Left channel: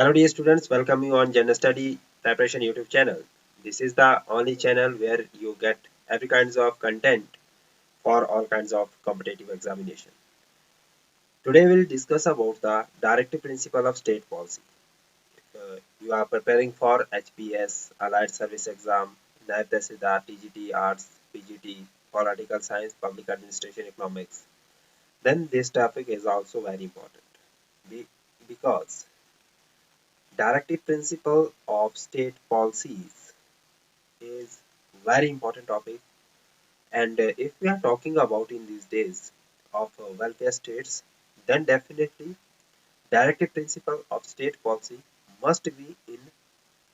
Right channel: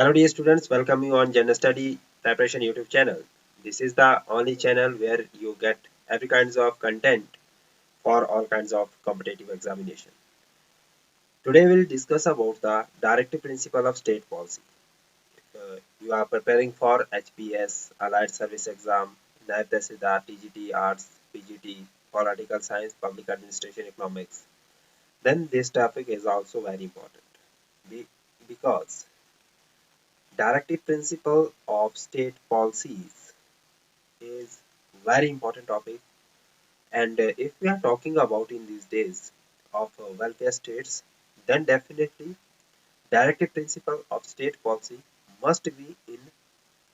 Hello dear students, welcome you on General Study Preparation YouTube channel. This is the only channel where you get every kinds of content for all kinds of competitive examination. Today we'll discuss about the directive principle of state policy. If you are preparing for HPS, Allied Service Exam, NAIB Tahsildar, TGT, Arts, PGT, Political Science, Public Administration, Economics, then this topic is also very important because directive principle of state policies is very important topic, and if we are talking about in these days of welfare states, then definitely directive principle of state policy must be in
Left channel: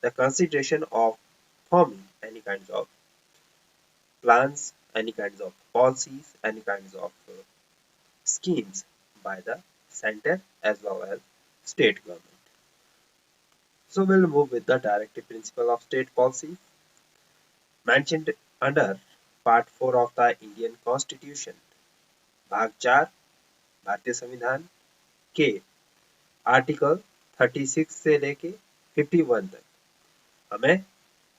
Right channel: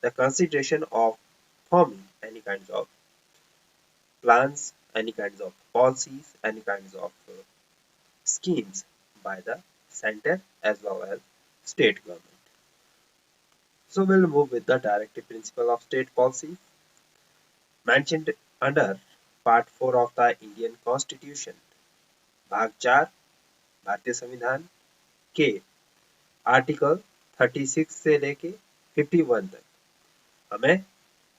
the consideration of forming any kinds of plans, any kinds of policies, any kinds of schemes by the center as well as state government. So we'll move with the directive principle of state policy mentioned under Part 4 of the Indian Constitution, भाग 4 भारतीय संविधान के article 36 से लेके 51 तक हमें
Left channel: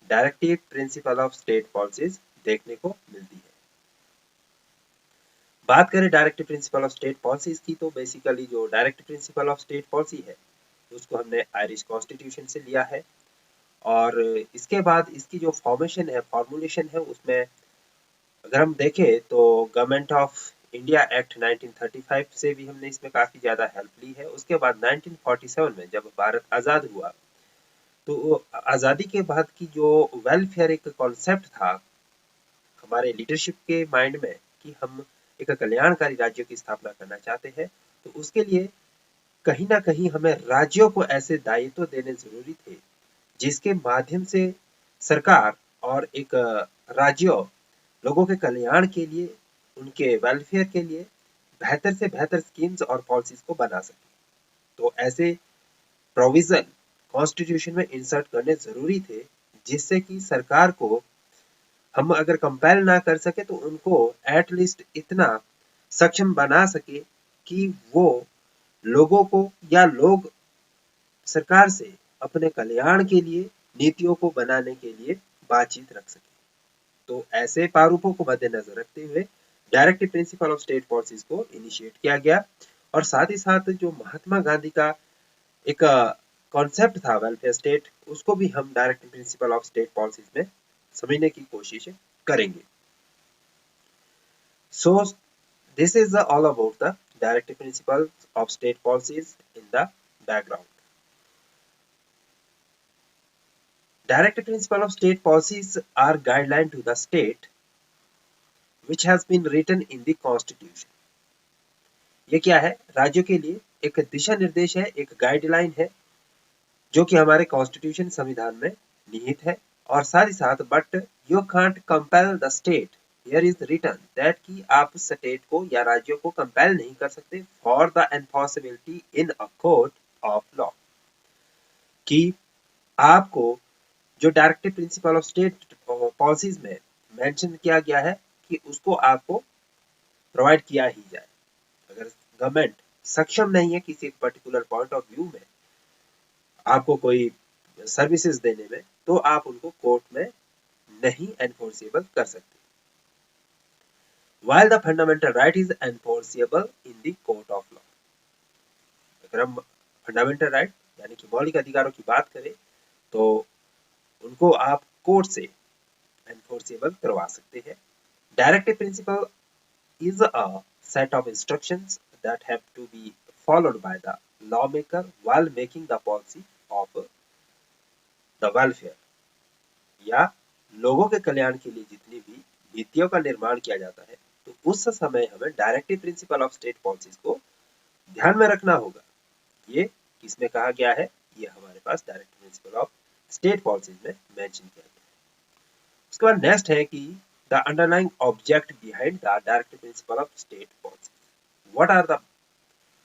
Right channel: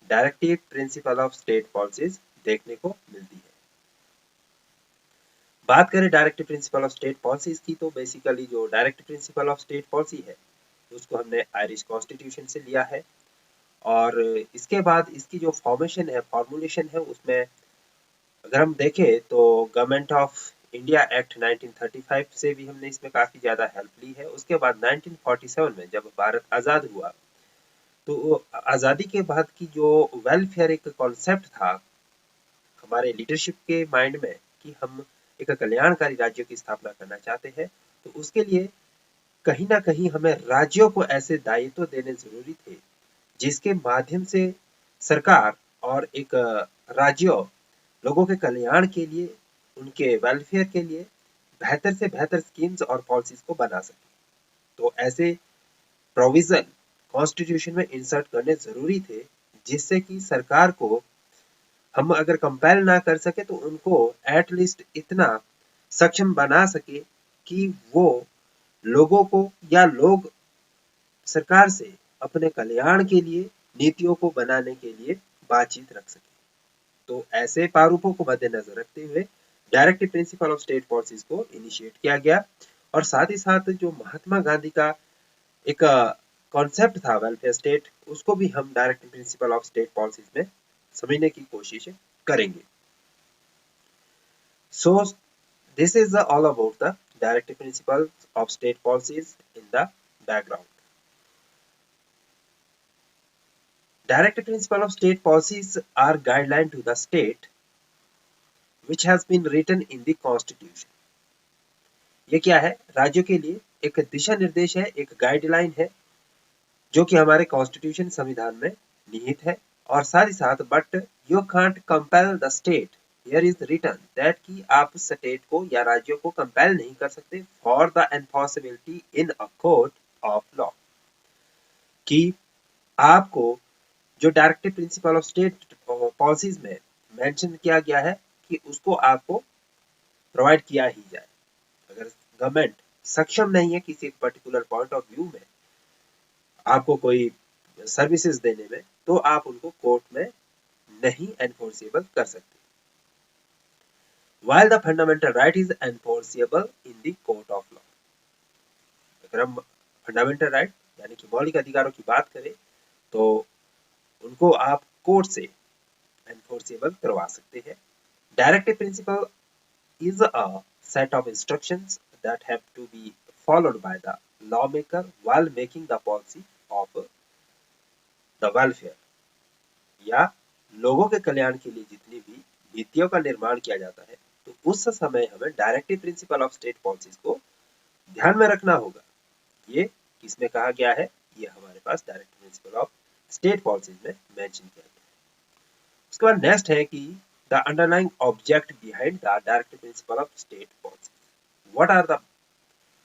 directive principle of state policies देखने को मिलती है। बात करें directive principle of state policies की, तो बेसिकली जो directive principle of state policy है उसको हमने आयरिश कॉन्स्टिट्यूशन से लिया है, और इसके बाद इसकी जो फॉर्मुलेशन है उसमें अगर हम देखें तो गवर्नमेंट ऑफ इंडिया एक्ट 1935 से भी हमने इसमें काफी ज्यादा हेल्प ली है। उसके बाद 1947 में जब भारत आजाद हुआ तो आजादी के बाद की जो वेलफेयर एक कॉन्सेप्ट था हमारे लीडरशिप के माइंड में कि हम एक कल्याणकारी राज्य की स्थापना करना चाहते हैं, तो उसके लिए कहीं ना कहीं हमें राज्यों को ऐसे दायित्व देने जरूरी थे जिसके माध्यम से सरकार और एक राज्य लोगों के कल्याण के लिए, उनके वेलफेयर के लिए बेहतर से बेहतर स्कीम्स और पॉलिसीज को बना सके। तो ऐसे प्रोविजन कॉन्स्टिट्यूशन में इंसर्ट करने जरूरी थे जिससे कि सरकार को हम अगर कंपेल ना कर सके तो उनको एटलीस्ट इतना सक्षम बना सके कि वो लोगों को या लोग सरकार से अपने कल्याण के लिए नीतियों को बनाने के लिए बातचीत रख सके। तो ऐसे प्रारूपों को मद्देनजर रखते हुए directive principle of state policies को इनिशिएट किया गया, और साथ ही साथ जो महात्मा गांधी का एक कॉन्सेप्ट था वेलफेयर स्टेट, उसको भी हम directive principle of state policies में समझने की कोशिश करेंगे। So this is all about the directive principle of state policies in the background. Directive principle of state policies are guideline to the state which has been written in the constitution. ये क्या है? राज्यों के लिए एक दिशा निर्देश है, एक गाइडलाइन है जो कि हमारे कॉन्स्टिट्यूशन संविधान में निहित है, और साथ ही साथ but you can't compel the state, here is written that कि आप स्टेट को या राज्यों को कंपेल नहीं कर सकते for the enforceability in a court of law, कि आपको जो directive principle of state policies में मेंशन किया गया है कि उसको आपको प्रोवाइड किया ही जाए। अगर गवर्नमेंट सक्षम नहीं है किसी एक पर्टिकुलर पॉइंट ऑफ व्यू में आपको कोई सर्विसेज देने में, तो आप उनको कोर्ट में नहीं एनफोर्सेबल कर सकते। While the fundamental right is enforceable in the court of law, अगर हम फंडामेंटल राइट यानी कि मौलिक अधिकारों की बात करें तो उनको आप कोर्ट से एनफोर्सेबल करवा सकते हैं। Directive principle is a set of instructions that have to be followed by the lawmaker while making the policy of the welfare, या लोगों के कल्याण के लिए जितनी भी नीतियों का निर्माण किया जाता है तो उस समय हमें directive principle of state policies को ध्यान में रखना होगा। ये किसमें कहा गया है? ये हमारे पास directive principle of state policies में मेंशन किया गया है। उसके बाद नेक्स्ट है कि the underlying object behind the directive principle of state policy. What are the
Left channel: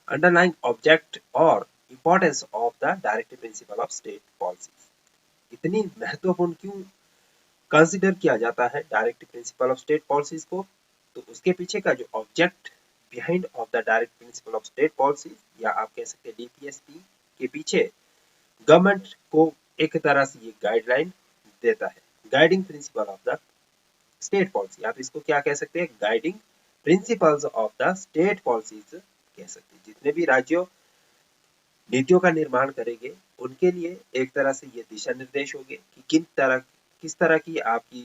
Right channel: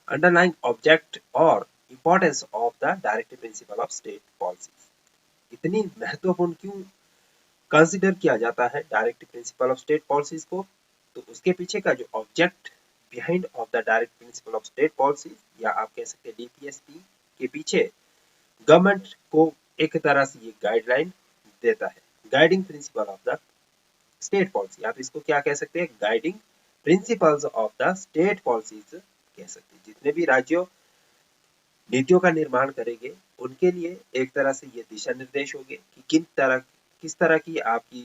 underlying object or importance of the directive principle of state policies? इतनी महत्वपूर्ण क्यों कंसिडर किया जाता है directive principle of state policies को? तो उसके पीछे का जो object behind of the direct principal of state policy, या आप कह सकते हैं डीपीएसपी के पीछे गवर्नमेंट को एक तरह से ये गाइडलाइन देता है, guiding principle of the state policy. आप इसको क्या कह सकते हैं, guiding principles of the state policies कह सकते हैं। जितने भी राज्यों नीतियों का निर्माण करेंगे उनके लिए एक तरह से ये दिशा निर्देश होंगे कि किस तरह की आपकी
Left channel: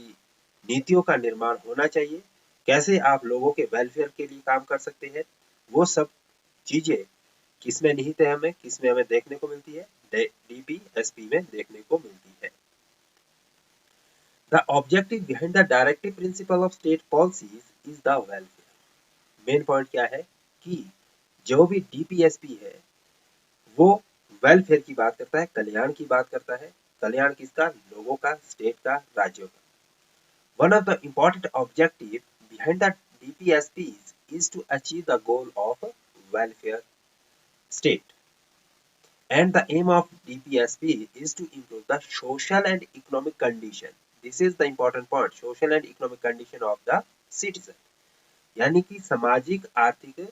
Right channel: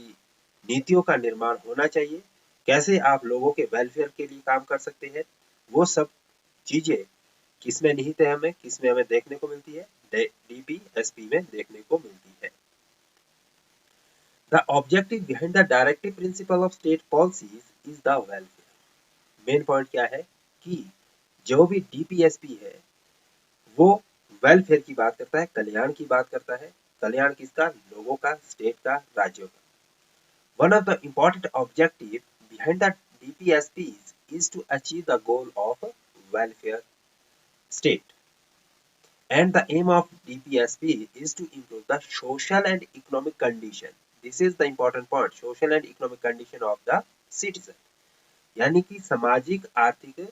नीतियों का निर्माण होना चाहिए, कैसे आप लोगों के वेलफेयर के लिए काम कर सकते हैं। वो सब चीजें किसमें निहित है, हमें किसमें हमें देखने को मिलती है, डीपीएसपी में देखने को मिलती है। The objective behind the directive principle of state policies is the welfare. Main point क्या है कि जो भी डीपीएसपी है वो वेलफेयर की बात करता है, कल्याण की बात करता है। कल्याण किसका, लोगों का, स्टेट का, राज्यों का। One of the important objective behind the DPSPs is to achieve the goal of welfare state, and the aim of DPSP is to improve the social and economic condition. This is the important point, social and economic condition of the citizen. यानी कि सामाजिक आर्थिक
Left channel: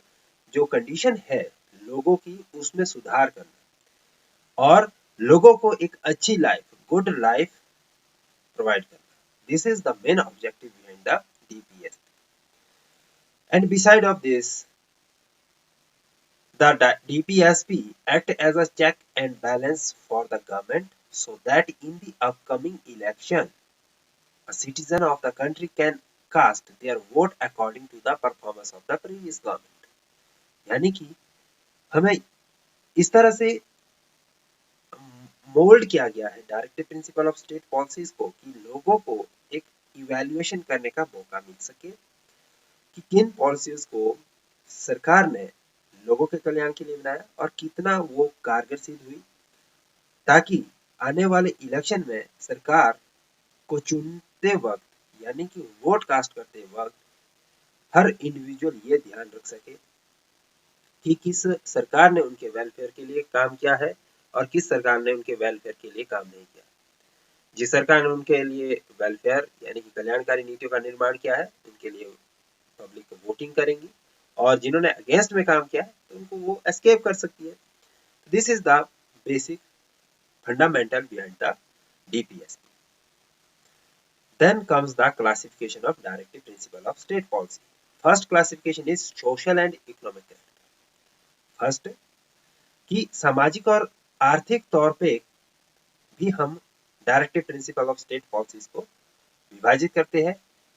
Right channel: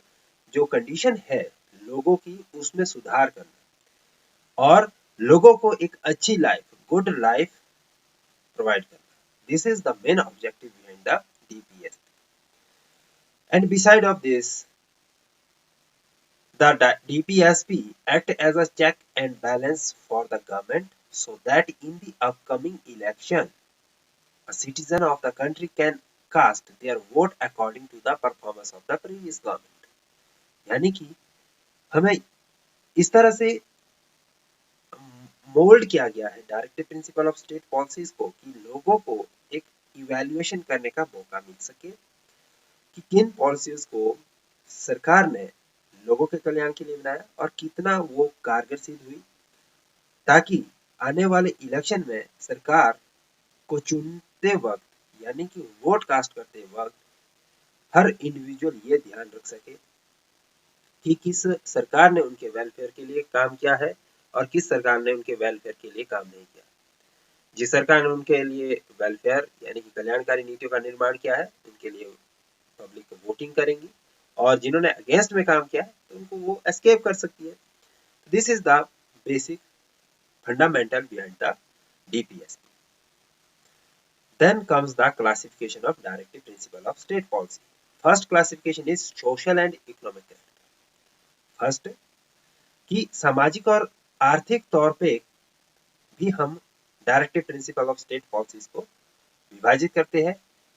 जो condition है लोगों की उसमें सुधार करना और लोगों को एक अच्छी लाइफ, गुड लाइफ प्रोवाइड करना। This is the main objective behind the DPSP. And beside of this, the DPSP act as a check and balance for the government so that in the upcoming election, a citizen of the country can cast their vote according to the performance of the previous government. यानी कि हमें इस तरह से mould किया गया है directive principle of state policies को कि लोगों को एक इवैल्यूएशन करने का मौका मिल सके कि किन पॉलिसीज को सरकार ने लोगों के कल्याण के लिए बनाया और कितना वो कारगर सिद्ध हुई, ताकि आने वाले इलेक्शन में सरकार को चुनते वक्त यानी कि वोट कास्ट करते वक्त हर इंडिविजुअल ये ध्यान रख सके कि किस सरकार ने उनके वेलफेयर के लिए काम किया है और किस सरकार ने उनके वेलफेयर के लिए काम नहीं किया। जिस सरकार ने उनके लिए वेलफेयर यानी कि कल्याणकारी नीतियों का निर्माण किया है उनके लिए पब्लिक वोटिंग करेंगी और जिन्होंने अगेंस्ट में काम किया है तो उनको वो एस्केप कर सकती है। This is the basic fundamental behind the DPSP. Then comes the classification of directive principle of state policy. First classification is social and economic character. First कि सामाजिक और आर्थिक तौर पे भी हम directive principle of state policies को विभाजित करते हैं।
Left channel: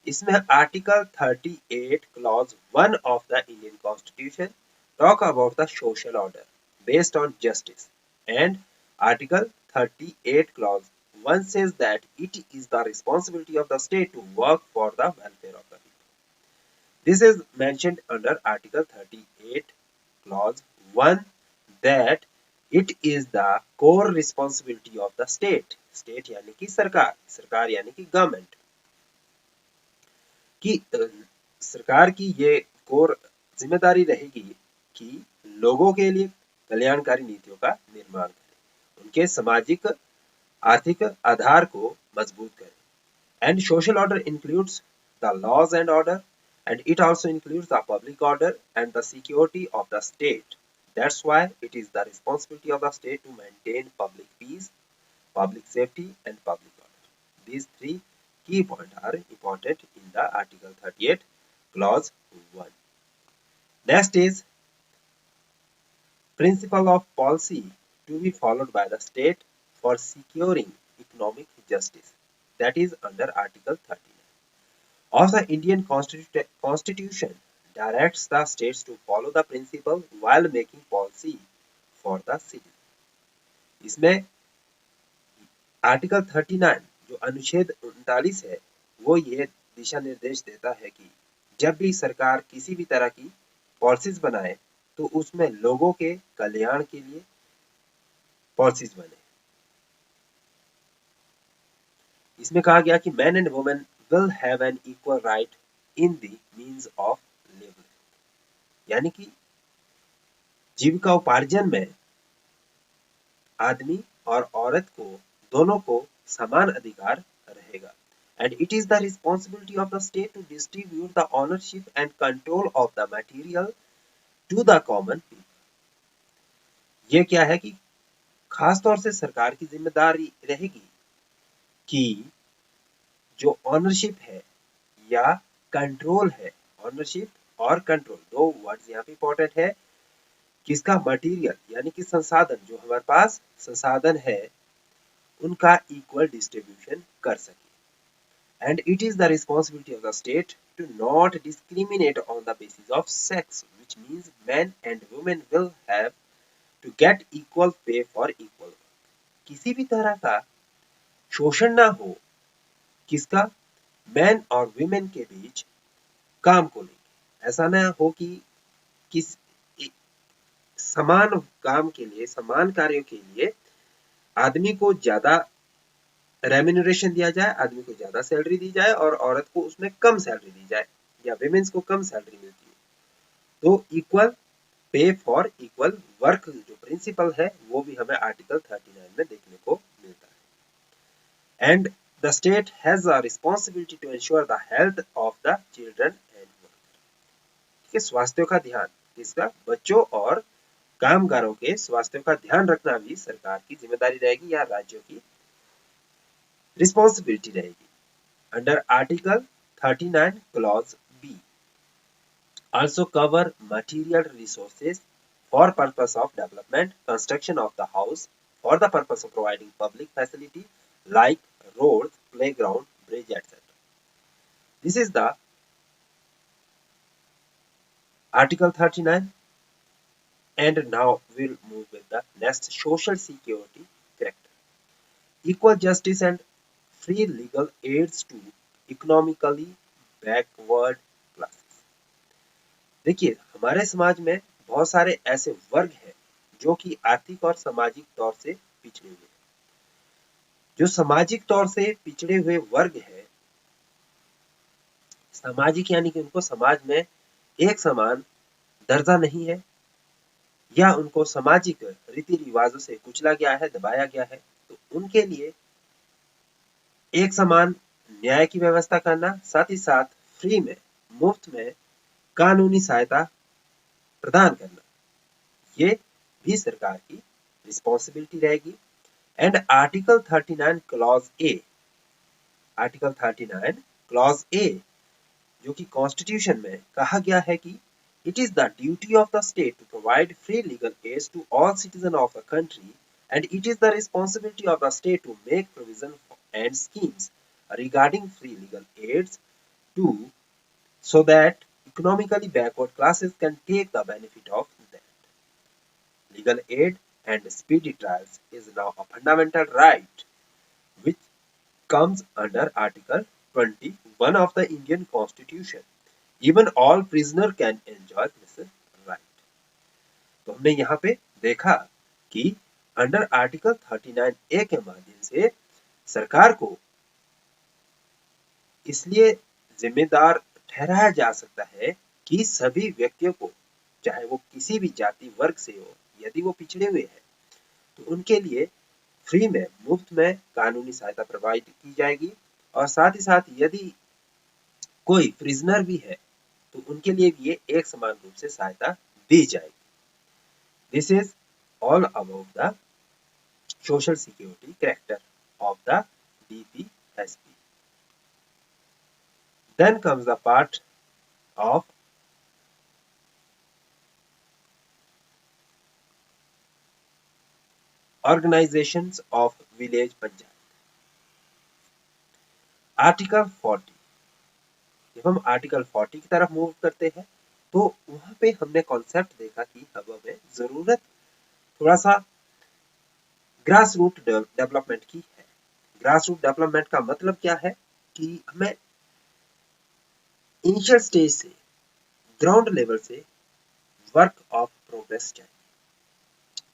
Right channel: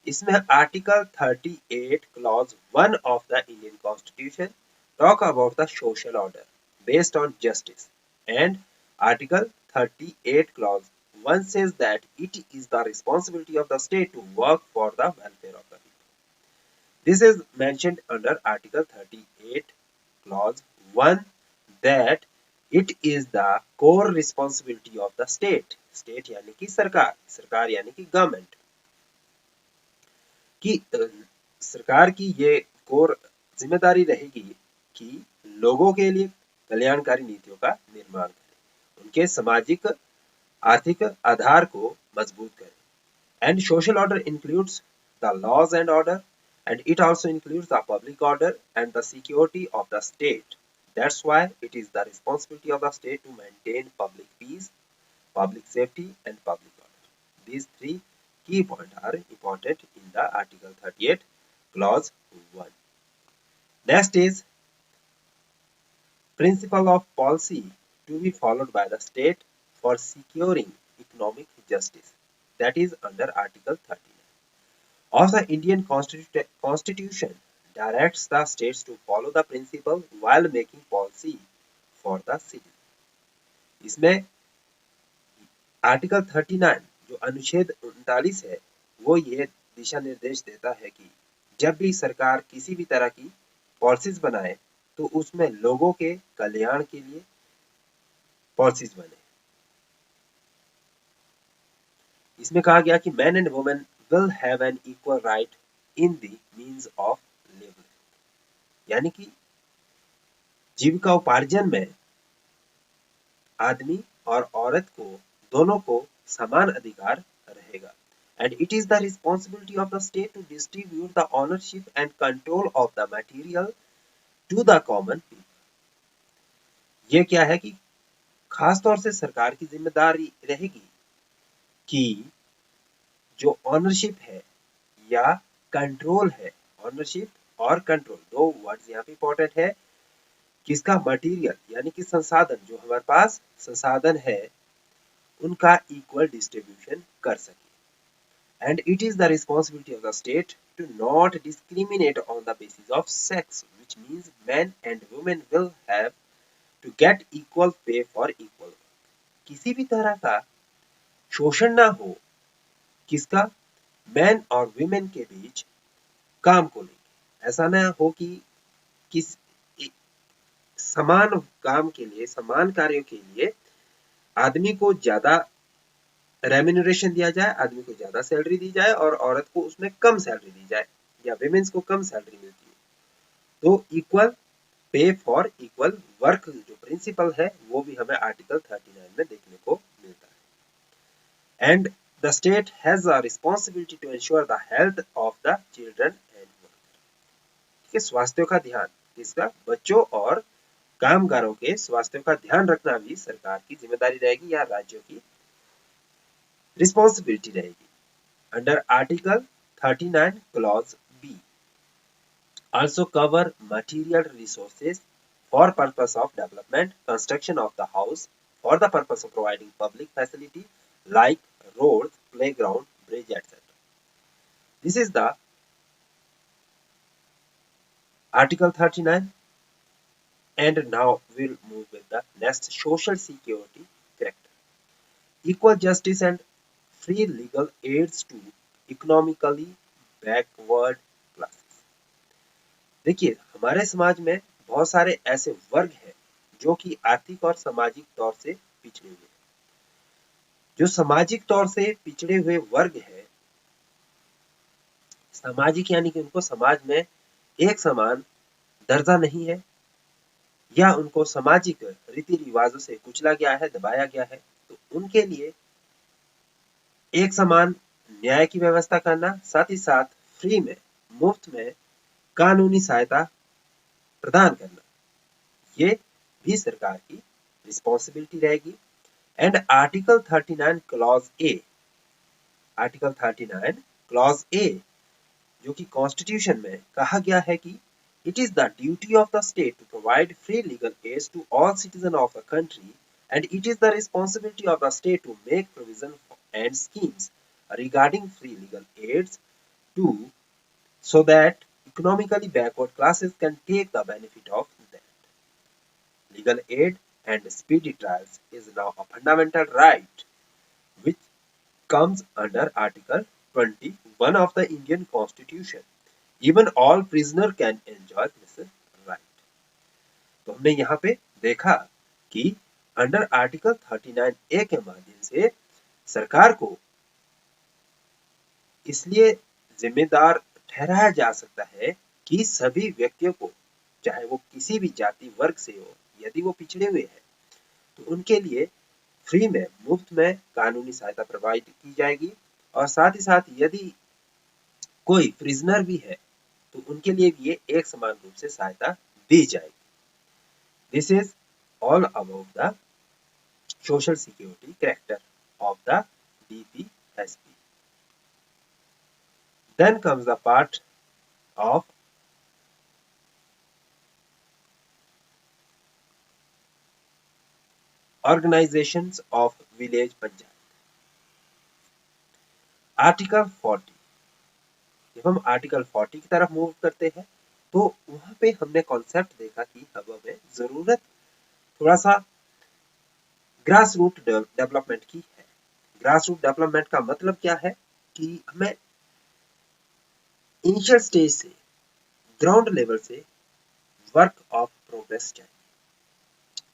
इसमें article 38 clause 1 of the Indian constitution talk about the social order based on justice and article 38 clause 1 says that it is the responsibility of the state to work for the welfare of the people. This is mentioned under Article 38 clause 1 that it is the core responsibility of the state. State यानी कि सरकार, सरकार यानी कि government की सरकार की ये कोर जिम्मेदारी रहेगी कि लोगों के लिए कल्याणकारी नीतियों का निर्माण करें, उनके सामाजिक आर्थिक आधार को मजबूत करें। And social order includes the laws and order and it also includes the public order and the security of the state. That's why it is the responsibility of the state to maintain public peace, public safety and public order. These three key points are important in the Article 38 clause 1. Next is principle of policy to be followed by the state for securing economic justice. That is under Article 39 of the Indian Constitution directs the states to follow the principle while making policy for the citizen. इसमें article 39 जो अनुच्छेद 39 है वो ये दिशा निर्देश देता है कि जब भी सरकार किसी भी तरह की पॉलिसीज बनाए तो उसमें लोगों के कल्याण के लिए पॉलिसीज बने। इसमें कहा गया कि man and women will have an equal right in the means of livelihood. यानी कि जीविका उपार्जन में आदमी और औरत को दोनों को समान अधिकार रहेगा। And it is the responsibility of the state to distribute the ownership and control of the material to the common people. ये क्या है कि खास तौर से सरकार की जिम्मेदारी रहेगी कि जो ऑनरशिप है या कंट्रोल है, ऑनरशिप और कंट्रोल दो वर्ड्स यहाँ पे इंपॉर्टेंट है, किसका मटेरियल यानी कि संसाधन, जो हमारे पास संसाधन है उनका इक्वल डिस्ट्रीब्यूशन कर सके। And it is the responsibility of the state to not discriminate on the basis of sex, which means men and women will have to get equal pay for equal work. किसी भी तरह का शोषण ना हो, किसका, मैन और women के बीच काम को लेके। ऐसा ना हो कि किस समान काम के लिए, समान कार्यों के लिए आदमी को ज्यादा रेम्यूनरेशन दिया जाए, आदमी को ज्यादा सैलरी दी जाए और औरत को उसमें कम सैलरी दी जाए, या विमेन्स को कम सैलरी मिलती है। तो equal pay for equal work जो प्रिंसिपल है वो भी हमें आर्टिकल 39 में देखने को मिलता है। And the state has a responsibility to ensure the health of the children and worker. स्वास्थ्य का ध्यान, किसका, बच्चों और कामगारों के स्वास्थ्य का ध्यान रखना भी सरकार की जिम्मेदारी रहेगी या राज्यों की रिस्पॉन्सिबिलिटी रहेगी। Under article 39 clause B also cover material resources for purpose of development, construction of the house, for the purpose of providing public facility like roads, playground, bridge, etc. This is the Article 39, and now we'll move with the next, social security character. Equal justice and free legal aids to economically backward classes. देखिए, हमारे समाज में बहुत सारे ऐसे वर्ग हैं जो कि आर्थिक और सामाजिक तौर से पिछड़े हुए हैं। जो सामाजिक तौर से पिछड़े हुए वर्ग है, सामाजिक यानी कि उनको समाज में एक समान दर्जा नहीं है, या उनको सामाजिक रीति रिवाजों से कुचला गया है, दबाया गया है, तो उनके लिए एक समान न्याय की व्यवस्था करना, साथ ही साथ फ्री में, मुफ्त में कानूनी सहायता प्रदान करना, ये भी सरकार की रिस्पॉन्सिबिलिटी रहेगी। And article 39 clause A, article 39 clause A जो कि कॉन्स्टिट्यूशन में कहा गया है कि it is the duty of the state to provide free legal aid to all citizens of the country, and it is the responsibility of the state to make provision and schemes regarding free legal aids to so that economically backward classes can take the benefit of that. Legal aid and speedy trials is now a fundamental right which comes under Article 21 of the Indian Constitution. Even all prisoner can enjoy this right. तो हमने यहाँ पे देखा कि under article 39 ए के माध्यम से सरकार को इसलिए जिम्मेदार ठहराया जा सकता है कि सभी व्यक्तियों को, चाहे वो किसी भी जाति वर्ग से हो, यदि वो पिछड़े हुए हैं तो उनके लिए फ्री में, मुफ्त में कानूनी सहायता प्रोवाइड की जाएगी, और साथ ही साथ यदि कोई प्रिजनर भी है तो उनके लिए भी ये एक समान रूप से सहायता दी जाएगी। This is all about the social security character of the DPSP. Then comes the part of organizations of village panchayat. Article 40, जब हम आर्टिकल 40 की तरफ मूव करते हैं तो वहां पे हमने कॉन्सेप्ट देखा कि अब हमें जरूरत थोड़ा सा ग्रास रूट डेवलपमेंट की है। ग्रास रूट डेवलपमेंट का मतलब क्या है कि हमें इनिशियल स्टेज से, ग्राउंड लेवल से वर्क ऑफ प्रोग्रेस चाहिए।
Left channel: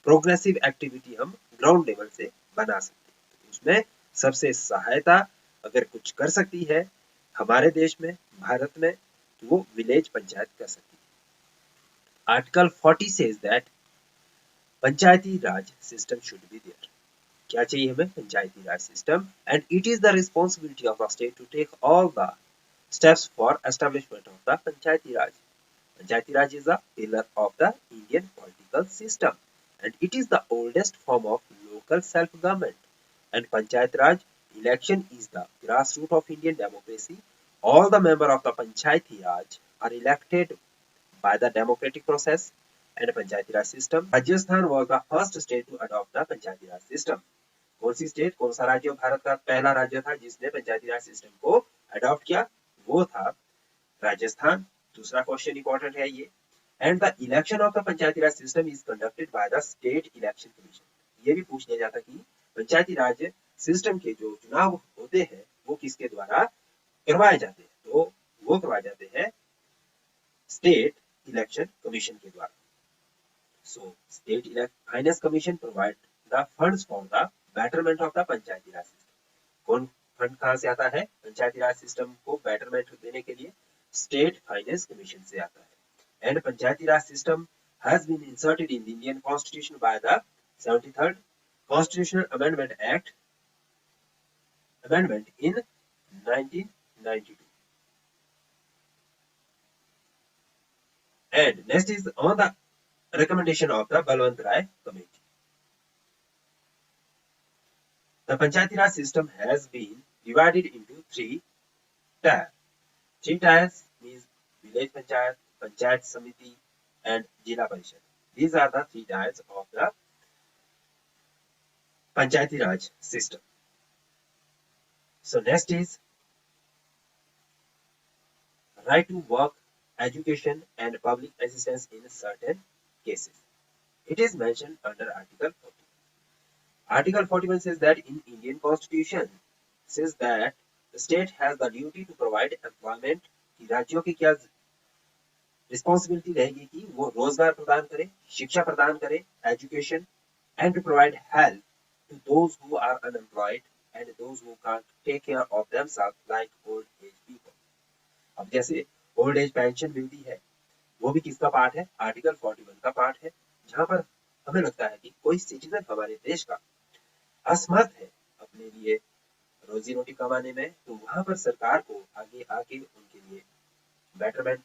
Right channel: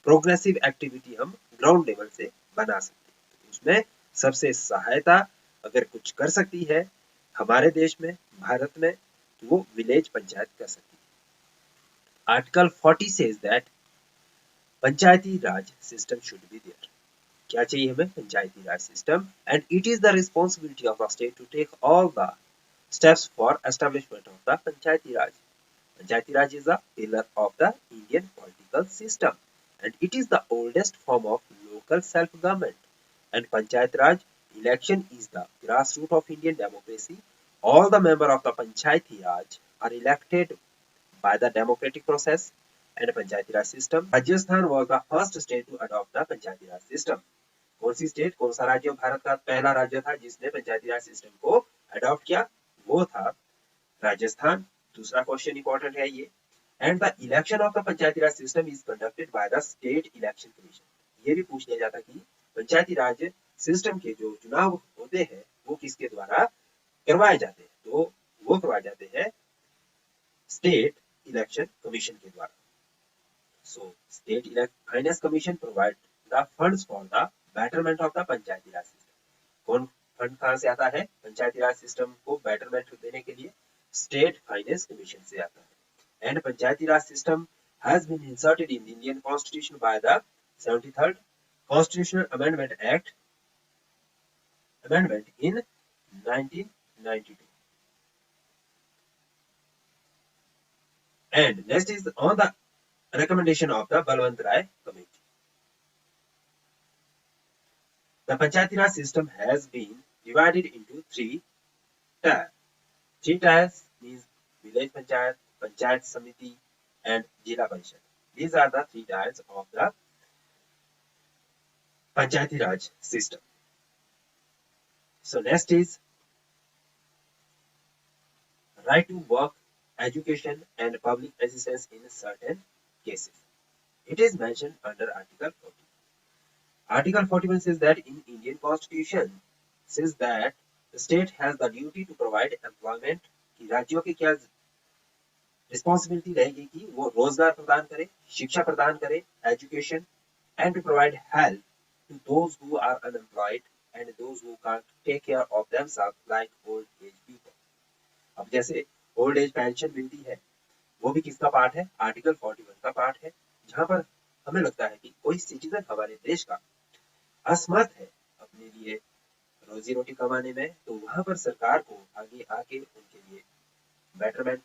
प्रोग्रेसिव एक्टिविटी हम ग्राउंड लेवल से बना सकते हैं। तो उसमें सबसे सहायता अगर कुछ कर सकती है हमारे देश में, भारत में, तो वो विलेज पंचायत कर सकती है। Article 40 says that Panchayati Raj system should be there. क्या चाहिए हमें? Panchayati Raj system. And it is the responsibility of the state to take all the steps for establishment of the Panchayati Raj. Panchayati Raj is a pillar of the Indian political system and it is the oldest form of lok local self-government. And Panchayat Raj election is the grassroots of Indian democracy. All the members of the Panchayati Raj are elected by the democratic process and Panchayati Raj system. Rajasthan was the first state to adopt the Panchayati Raj system. कौन सी state, कौन सा राज्य भारत का पहला राज्य था जिसने पंचायती Raj system को अडॉप्ट किया? वो था राजस्थान। दूसरा क्वेश्चन इंपॉर्टेंट है ये। And the election of the Panchayati Raj system is conducted by the state election commission. ये भी पूछ लिया जाता कि पंचायती राज सिस्टम के जो चुनाव होते हैं वो किसके द्वारा करवाए जाते हैं? तो वो करवाए जाते हैं स्टेट इलेक्शन कमीशन के द्वारा। So state finance commission provide the funds for the betterment of the Panchayati Raj system. कौन फंड कहां से आता है पंचायती राज सिस्टम को बेटरमेंट देने के लिए? स्टेट फाइनेंस कमीशन से आता है। And Panchayati Raj system has been inserted in the Indian constitution by the 73rd constitutional amendment in 1992। And next is on the recommendation of the Balwant Rai Committee. The Panchayati Raj system has been divided into 3 tiers. 3 tiers means village panchayat, panchayat samiti and Jila Parishad. These are the 3 tiers of the Panchayati Raj system. So next is right to work, education and public assistance in certain cases. It is mentioned under Article 40. Article 41 says that in Indian Constitution says that the state has the duty to provide employment. कि राज्यों की क्या responsibility रहेगी कि वो रोजगार प्रदान करे, शिक्षा प्रदान करे, education and to provide help to those who are unemployed and those who can't take care of themselves like old age people. अब जैसे ओल्ड एज पेंशन मिलती है वो भी किसका पार्ट है? आर्टिकल 41 का पार्ट है। जहां पर हमें लगता है कि कोई सिटीजन हमारे देश का असमर्थ है अपने लिए रोजी रोटी कमाने में, तो वहां पर सरकार को आगे आके उनके लिए बेटरमेंट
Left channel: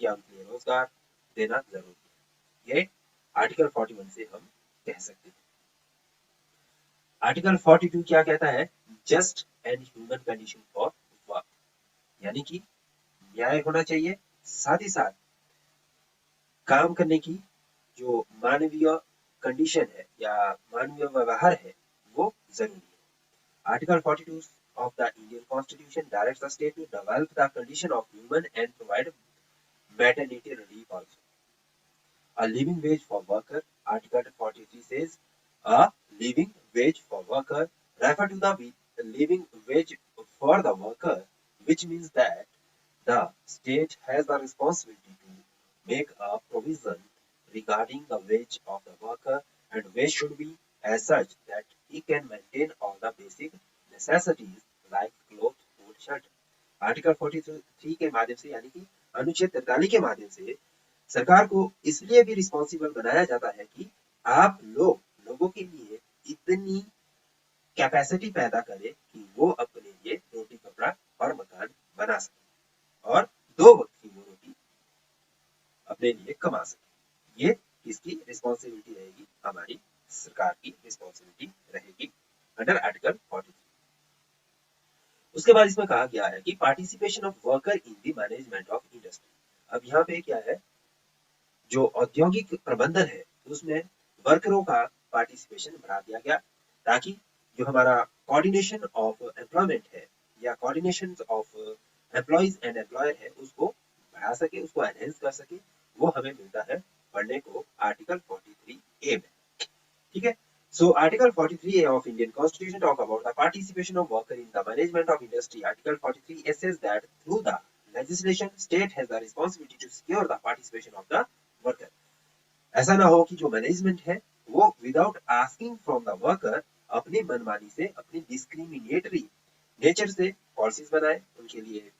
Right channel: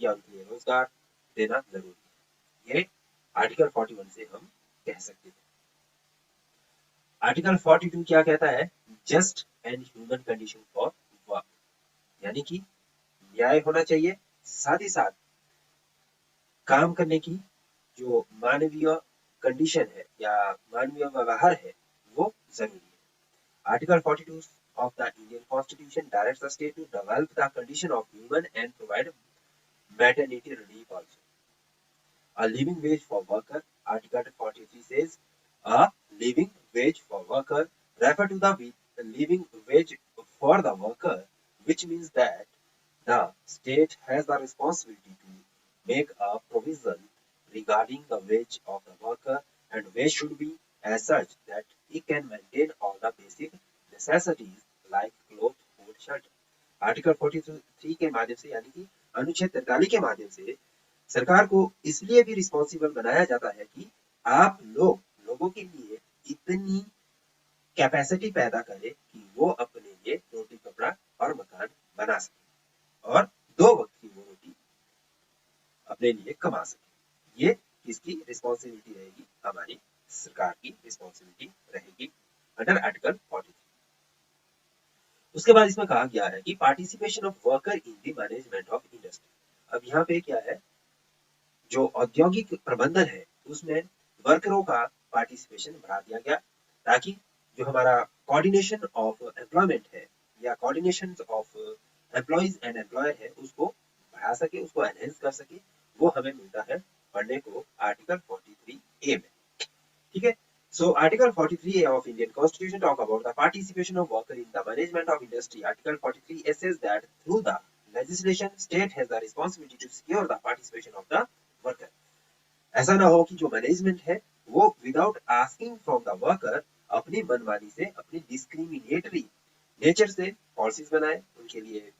या उनके लिए रोजगार देना जरूरी है। ये आर्टिकल 41 से हम कह सकते हैं। आर्टिकल 42 क्या कहता है? Just and human condition for work, यानी कि न्याय होना चाहिए, साथ ही साथ काम करने की जो मानवीय कंडीशन है या मानवीय व्यवहार है वो जरूरी है। Article 42 of the Indian Constitution directs the state to develop the condition of human and provide maternity relief also. A living wage for worker. Article 43 says a living wage for worker refer to the living wage for the worker, which means that the state has the responsibility to make a provision regarding the wage of the worker, and wage should be as such that he can maintain all the basic necessities like clothes, food, shelter. Article 43 के माध्यम से यानी कि अनुच्छेद 43 के माध्यम से सरकार को इसलिए भी रिस्पॉन्सिबल बनाया जाता है कि आप लोगों के लिए इतनी कैपेसिटी पैदा करें कि वो अपने लिए रोटी कपड़ा और मकान बना सके और 2 वक्त की वो रोटी अपने लिए कमा सके। ये किसकी रिस्पॉन्सिबिलिटी रहेगी? हमारी सरकार की रिस्पॉन्सिबिलिटी रहेगी अंडर आर्टिकल 43। उसके बाद इसमें कहा गया है कि participation of worker in the management of industry. अब यहाँ पे क्या है, जो औद्योगिक प्रबंधन है उसमें वर्करों का पार्टिसिपेशन बढ़ा दिया गया ताकि जो हमारा कोऑर्डिनेशन ऑफ एम्प्लॉयमेंट है या coordination of employees and employer है उसको बढ़ा सके, उसको एनहेंस कर सके। वो हमें मिलता है पढ़ने को आर्टिकल 43A में। ठीक है। So Article 43A of Indian Constitution talk about the participation of worker in the management of industry. Article 43A says that through the legislation, state has the responsibility to secure the participation of the worker. ऐसा ना हो कि जो management है वो without asking from the worker अपनी मनमानी से, अपनी डिस्क्रिमिनेटरी नेचर से पॉलिसीज बनाए, उनके लिए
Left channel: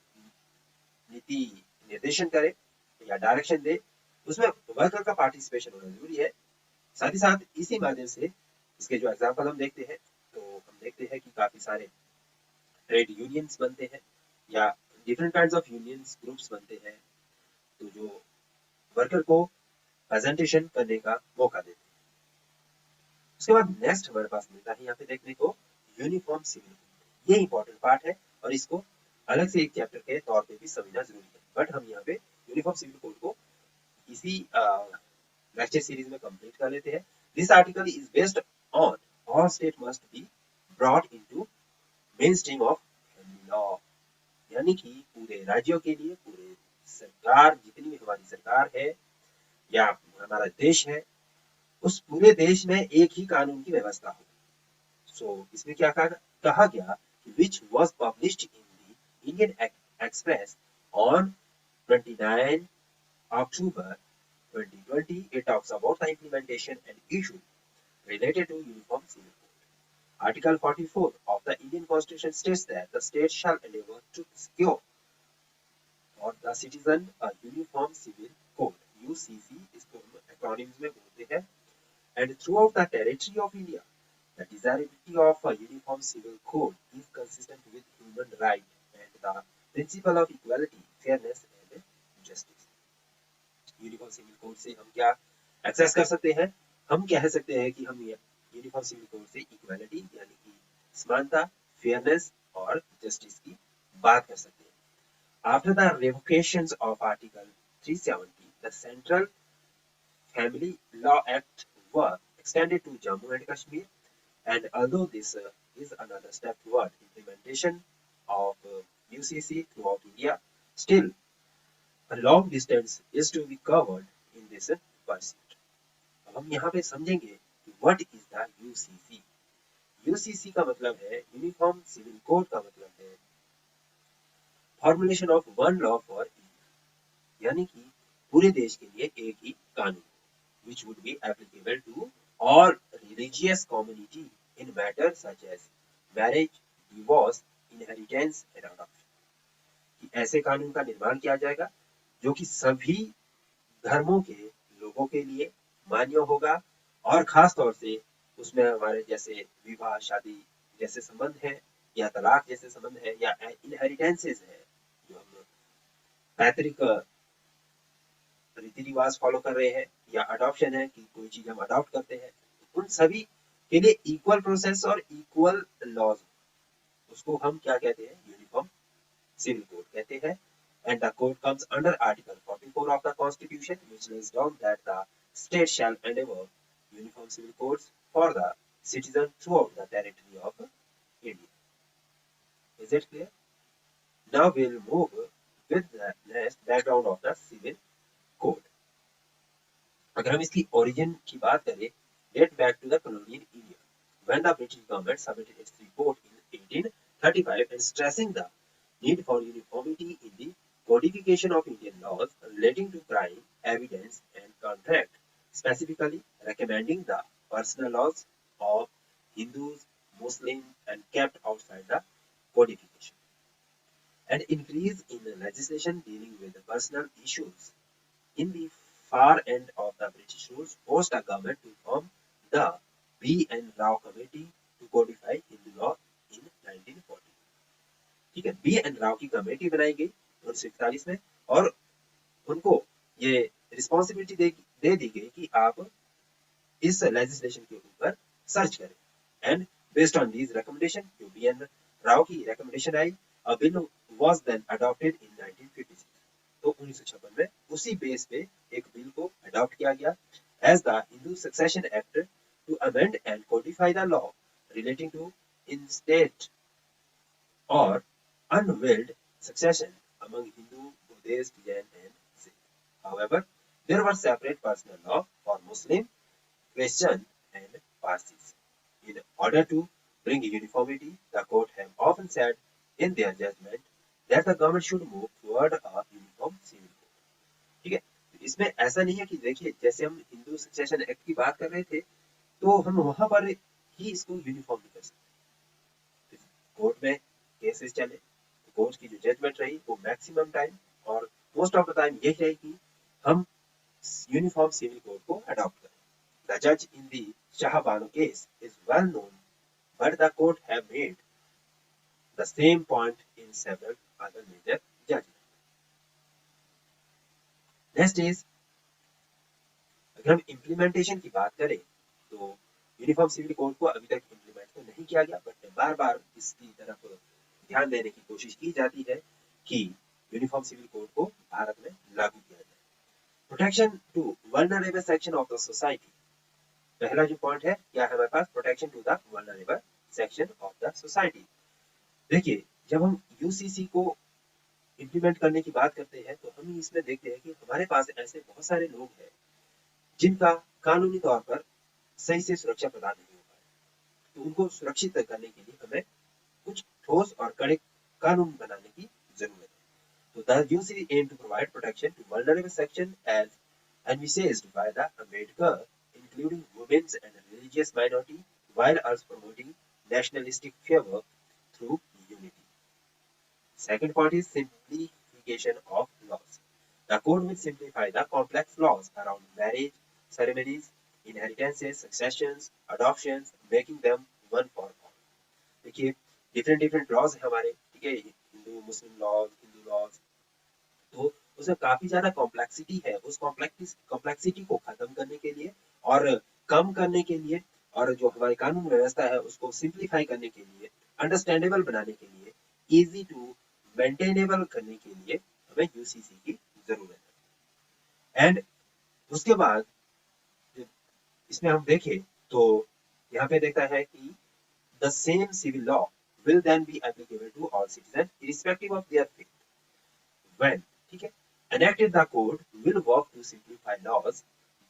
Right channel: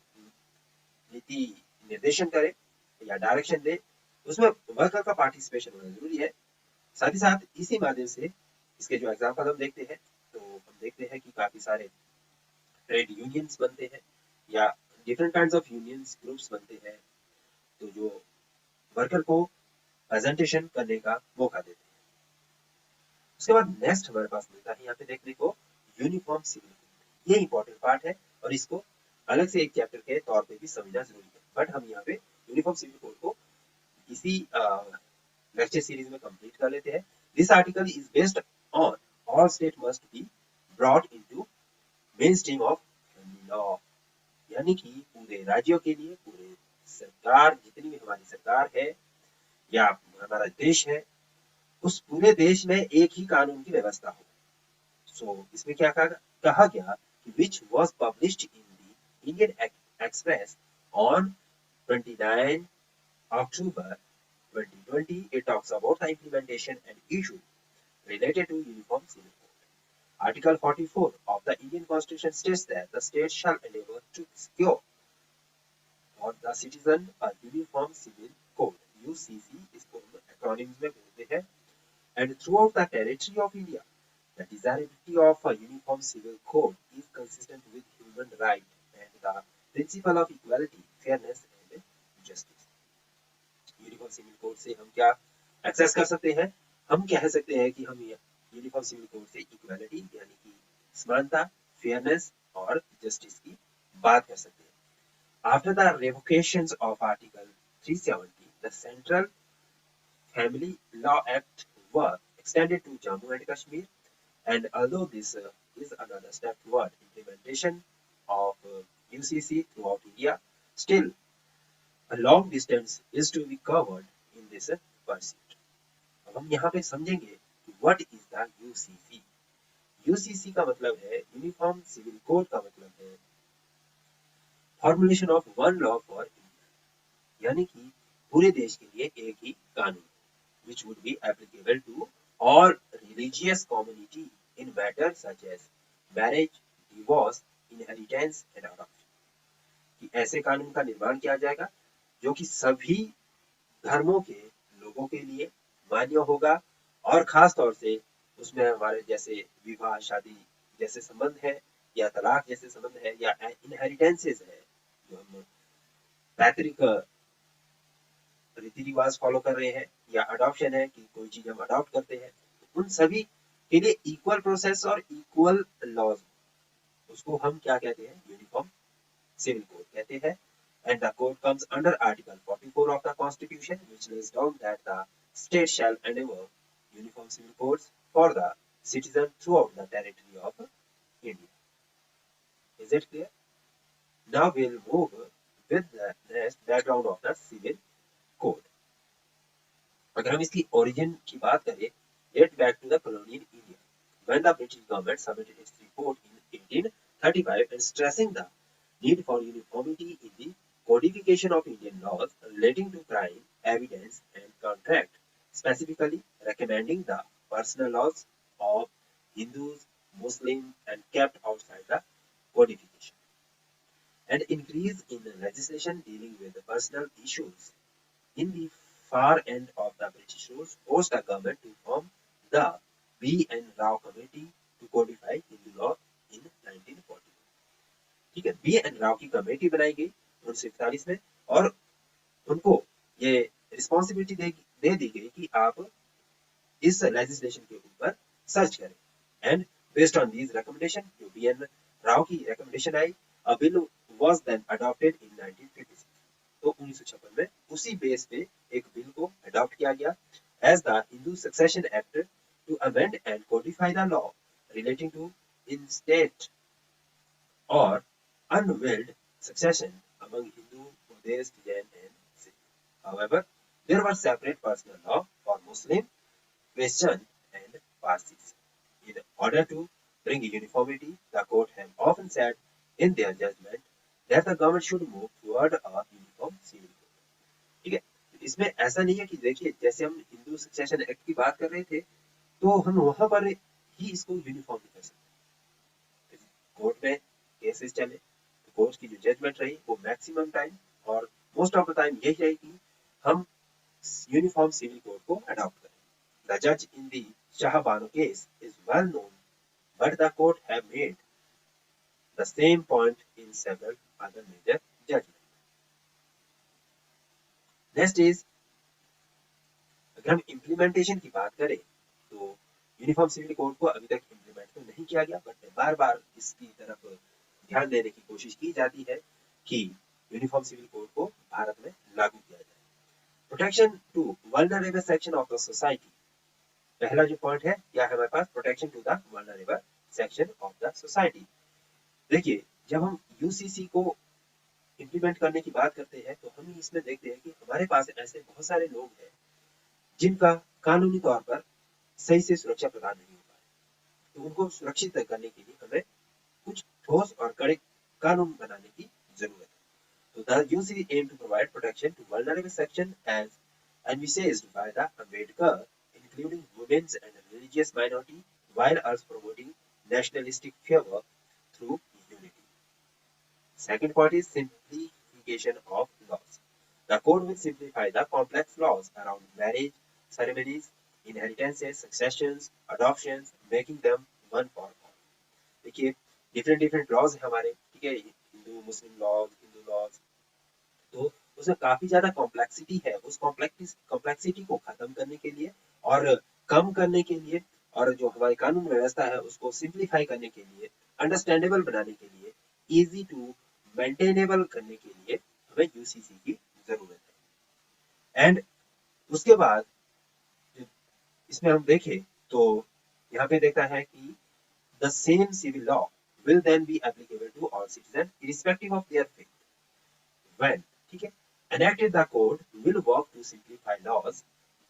नीति निर्देशन करे या डायरेक्शन दे, उसमें वर्कर का पार्टिसिपेशन होना जरूरी है। साथ ही साथ इसी माध्यम से इसके जो एग्जाम्पल हम देखते हैं तो हम देखते हैं कि काफी सारे ट्रेड यूनियंस बनते हैं या different kinds of unions groups बनते हैं, तो जो वर्कर को प्रेजेंटेशन करने का मौका देते हैं। उसके बाद नेक्स्ट हमारे पास मिलता है यहाँ पे देखने को यूनिफॉर्म सिविल कोड। ये इंपॉर्टेंट पार्ट है और इसको अलग से एक चैप्टर के तौर पे भी समझना जरूरी है, बट हम यहाँ पे यूनिफॉर्म सिविल कोड को इसी लेक्चर सीरीज में कंप्लीट कर लेते हैं। This article is based on all state must be brought into main stream of law, यानी कि पूरे राज्यों के लिए, पूरे सरकार, जितनी भी हमारी सरकार है या हमारा देश है, उस पूरे देश में एक ही कानून की व्यवस्था हो। सो इसमें क्या कहा गया, which was published in the Indian Express on 29 October 2020. It talks about the implementation and issue related to Uniform Civil Code. Article 44 of the Indian Constitution states that the state shall endeavor to secure for the citizen a uniform civil code. UCC इसको acronyms में बोलते हैं. And throughout the territory of India, the desirability of a uniform civil code is consistent with human rights and the principle of equality, fairness and justice. Uniform civil code से हम क्या access कर सकते हैं? हम कह सकते हैं कि हम यूनिफॉर्म सिविल कोड से इक्वालिटी यानी कि समानता, फेयरनेस और जस्टिस की बात कर सकते हैं. After the revocations of Article 370, the Central Family Law Act was extended to Jammu and Kashmir, and although this is another step toward implementation of UCC throughout India, still a long distance is to be covered in this pursuit. अब हम यहाँ पे समझेंगे कि what is the UCC. UCC का मतलब है uniform civil code का मतलब है formulation of one law for India, यानी कि पूरे देश के लिए एक ही कानून, which would be applicable to all religious community in matters such as marriage, divorce, inheritance and adoption. कि ऐसे कानून का निर्माण किया जाएगा जो कि सभी धर्मों के लोगों के लिए मान्य होगा और खास तौर से उसमें हमारे जैसे विवाह शादी जैसे संबंध है या तलाक जैसे संबंध है या इनहेरिटेंसेस है, जो हम पैतृक रीति रिवाज फॉलो कर रहे हैं, या अडॉप्शन है कि कोई चीज हम अडॉप्ट करते हैं, उन सभी के लिए इक्वल प्रोसेस और इक्वल लॉज, उसको हम क्या कहते हैं? यूनिफॉर्म सिविल कोड कहते हैं. And the code comes under Article 44 of the Constitution, which lays down that the state shall endeavor uniform civil codes for the citizen throughout the territory of India. Is it clear? Now we'll move with the next background of the civil code. अगर हम इसकी origin की बात करें, date back to the colonial India, when the British government submitted its report in 1835 and stressing the need for uniformity in the codification of Indian laws relating to crime, evidence and contract, specifically recommending the personal laws of Hindus, Muslims and kept outside the codification, and increase in legislation dealing with the personal issues. In the far end of the British rule forced the government to form the B.N. Rao Committee to codify Hindu law in 1940. ठीक है, B.N. Rao की committee बनाई गई 1941 में और उनको ये responsibility दे दी गई कि आप इस लेजिस्लेशन के ऊपर सर्च करें. And based on these recommendation, जो B.N. राव की रिकमेंडेशन आई, a bill was then adopted in 1956. तो 1956 में उसी बेस पे एक बिल को अडॉप्ट किया गया as the Hindu succession act to amend and codify the law relating to intestate और unwilled succession among Hindu, Buddhist, Jain and Sikh. However, there were separate personal law for Muslim, Christian and Parsis. In order to bring uniformity, the court have often said in their judgment that the government should move toward a uniform civil code. ठीक है, इसमें ऐसा नहीं है कि देखिए जैसे हम हिंदू सक्सेशन एक्ट की बात कर रहे थे तो हम वहां पर ही इसको यूनिफॉर्म कर सकते हैं. कोर्ट में केसेस चले, कोर्ट की जो जजमेंट रही वो मैक्सिमम टाइम और मोस्ट ऑफ द टाइम यही रही कि हम यूनिफॉर्म सिविल कोड को अडॉप्ट करें. द जज in the Shah Bano case is well known, but the court have made the same point in several other major judgement. Next is, अगर हम इम्प्लीमेंटेशन की बात करें तो यूनिफॉर्म सिविल कोड को अभी तक इम्प्लीमेंट तो नहीं किया गया, बट बार बार इसकी तरफ ध्यान देने की कोशिश की जाती है कि यूनिफॉर्म सिविल कोड को भारत में लागू किया जाए। Protection to vulnerable section of the society, पहला जो पॉइंट है क्या है हमारे पास, protection to the vulnerable section of the society. देखिए जब हम यूसीसी को इम्प्लीमेंट करने की बात करते हैं तो हम इसमें देखते हैं कि हमारे पास ऐसे बहुत सारे लोग हैं जिनका कानूनी तौर पर सही से सुरक्षा प्रदान नहीं हो पा रही, तो उनको सुरक्षित करने के लिए हमें कुछ ठोस और कड़े कानून बनाने की जरूरत है। तो the UC aim to provide protection to vulnerable section as envisaged by the Ambedkar, including women's and religious minority, while also promoting nationalistic fervor through unity. Second point is simplification of laws. The code will simplify the complex laws around marriage, ceremonies, inheritances, successions, adoptions, making them one for all. देखिए different laws है हमारे, ठीक है, हिंदू मुस्लिम laws, Hindu laws, तो उसमें काफी ज्यादा complexity है। उस कॉम्प्लेक्सिटी को खत्म करने के लिए और कम करने के लिए और जो हमारी कानून व्यवस्था है उसको सिंप्लीफाई करने के लिए, अंडरस्टैंडेबल बनाने के लिए, इजी टू मेंटेनेबल करने के लिए हमें यूसीसी की जरूरत है। एंड उसके बाद इसमें हम देखें तो यहाँ पे देखता है कि the same civil law will then be applicable to all citizens irrespective of their faith. When, ठीक है, enacted the code will work to simplify laws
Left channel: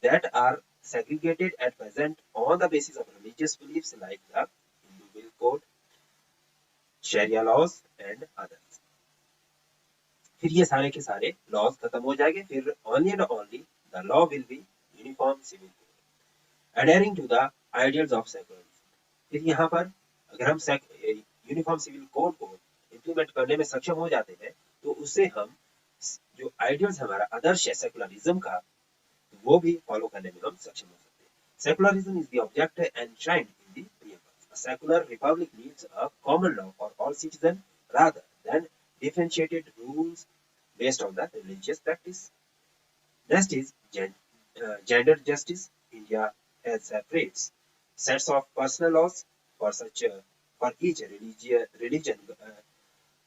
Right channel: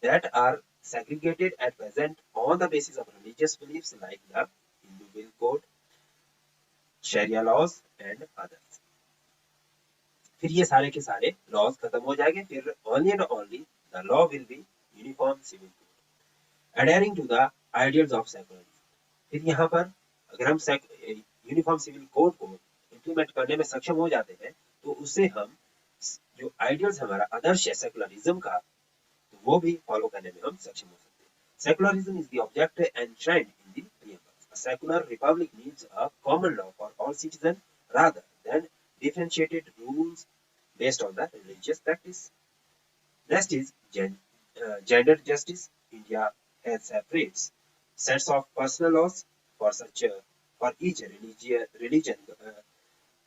that are segregated at present on the basis of religious beliefs like the Hindu Will Code, Sharia laws and others. फिर ये सारे के सारे laws खत्म हो जाएंगे, फिर only and only the law will be uniform civil code, adhering to the ideals of secularism. फिर यहाँ पर अगर हम यूनिफॉर्म सिविल कोड को इम्प्लीमेंट करने में सक्षम हो जाते हैं तो उससे हम जो आइडियल्स हमारा आदर्श है सेकुलरिज्म का, वो भी फॉलो करने में हम सक्षम हो सकते हैं। Secularism is the object enshrined in the preamble. A secular republic needs a common law for all citizens rather than differentiated rules based on the religious practice. Next is gender justice. India has separate sets of personal laws for each religion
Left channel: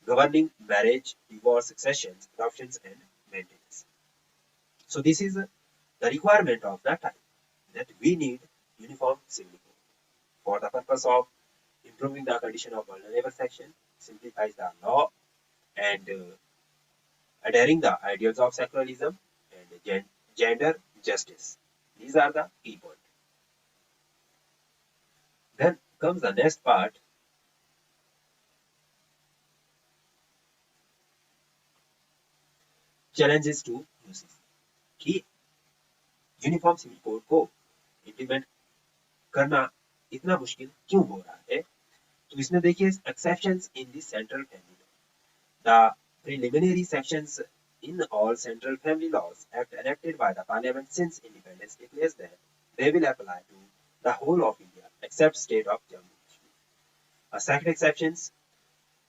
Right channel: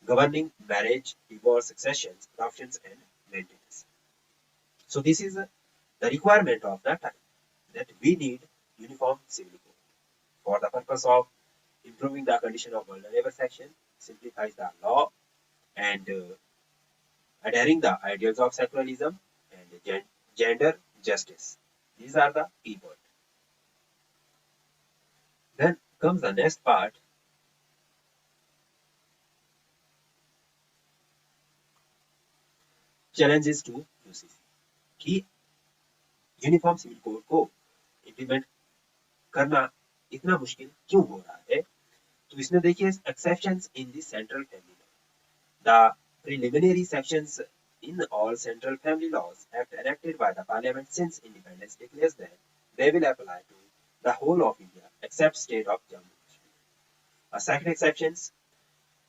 governing marriage, divorce, successions, adoptions, and maintenance. So this is the requirement of the time that we need uniform civil code for the purpose of improving the condition of vulnerable section, simplifies the law, and adhering the ideals of secularism and gender justice. These are the key points. Then comes the next part. Challenges to UCC कि uniform civil code को implement करना इतना मुश्किल क्यों हो रहा है। तो इसमें देखिए exceptions in the central family law, the preliminary sections in all central family laws act enacted by the parliament since independence declares that they will apply to the whole of India except state of Jammu and Kashmir. A second exception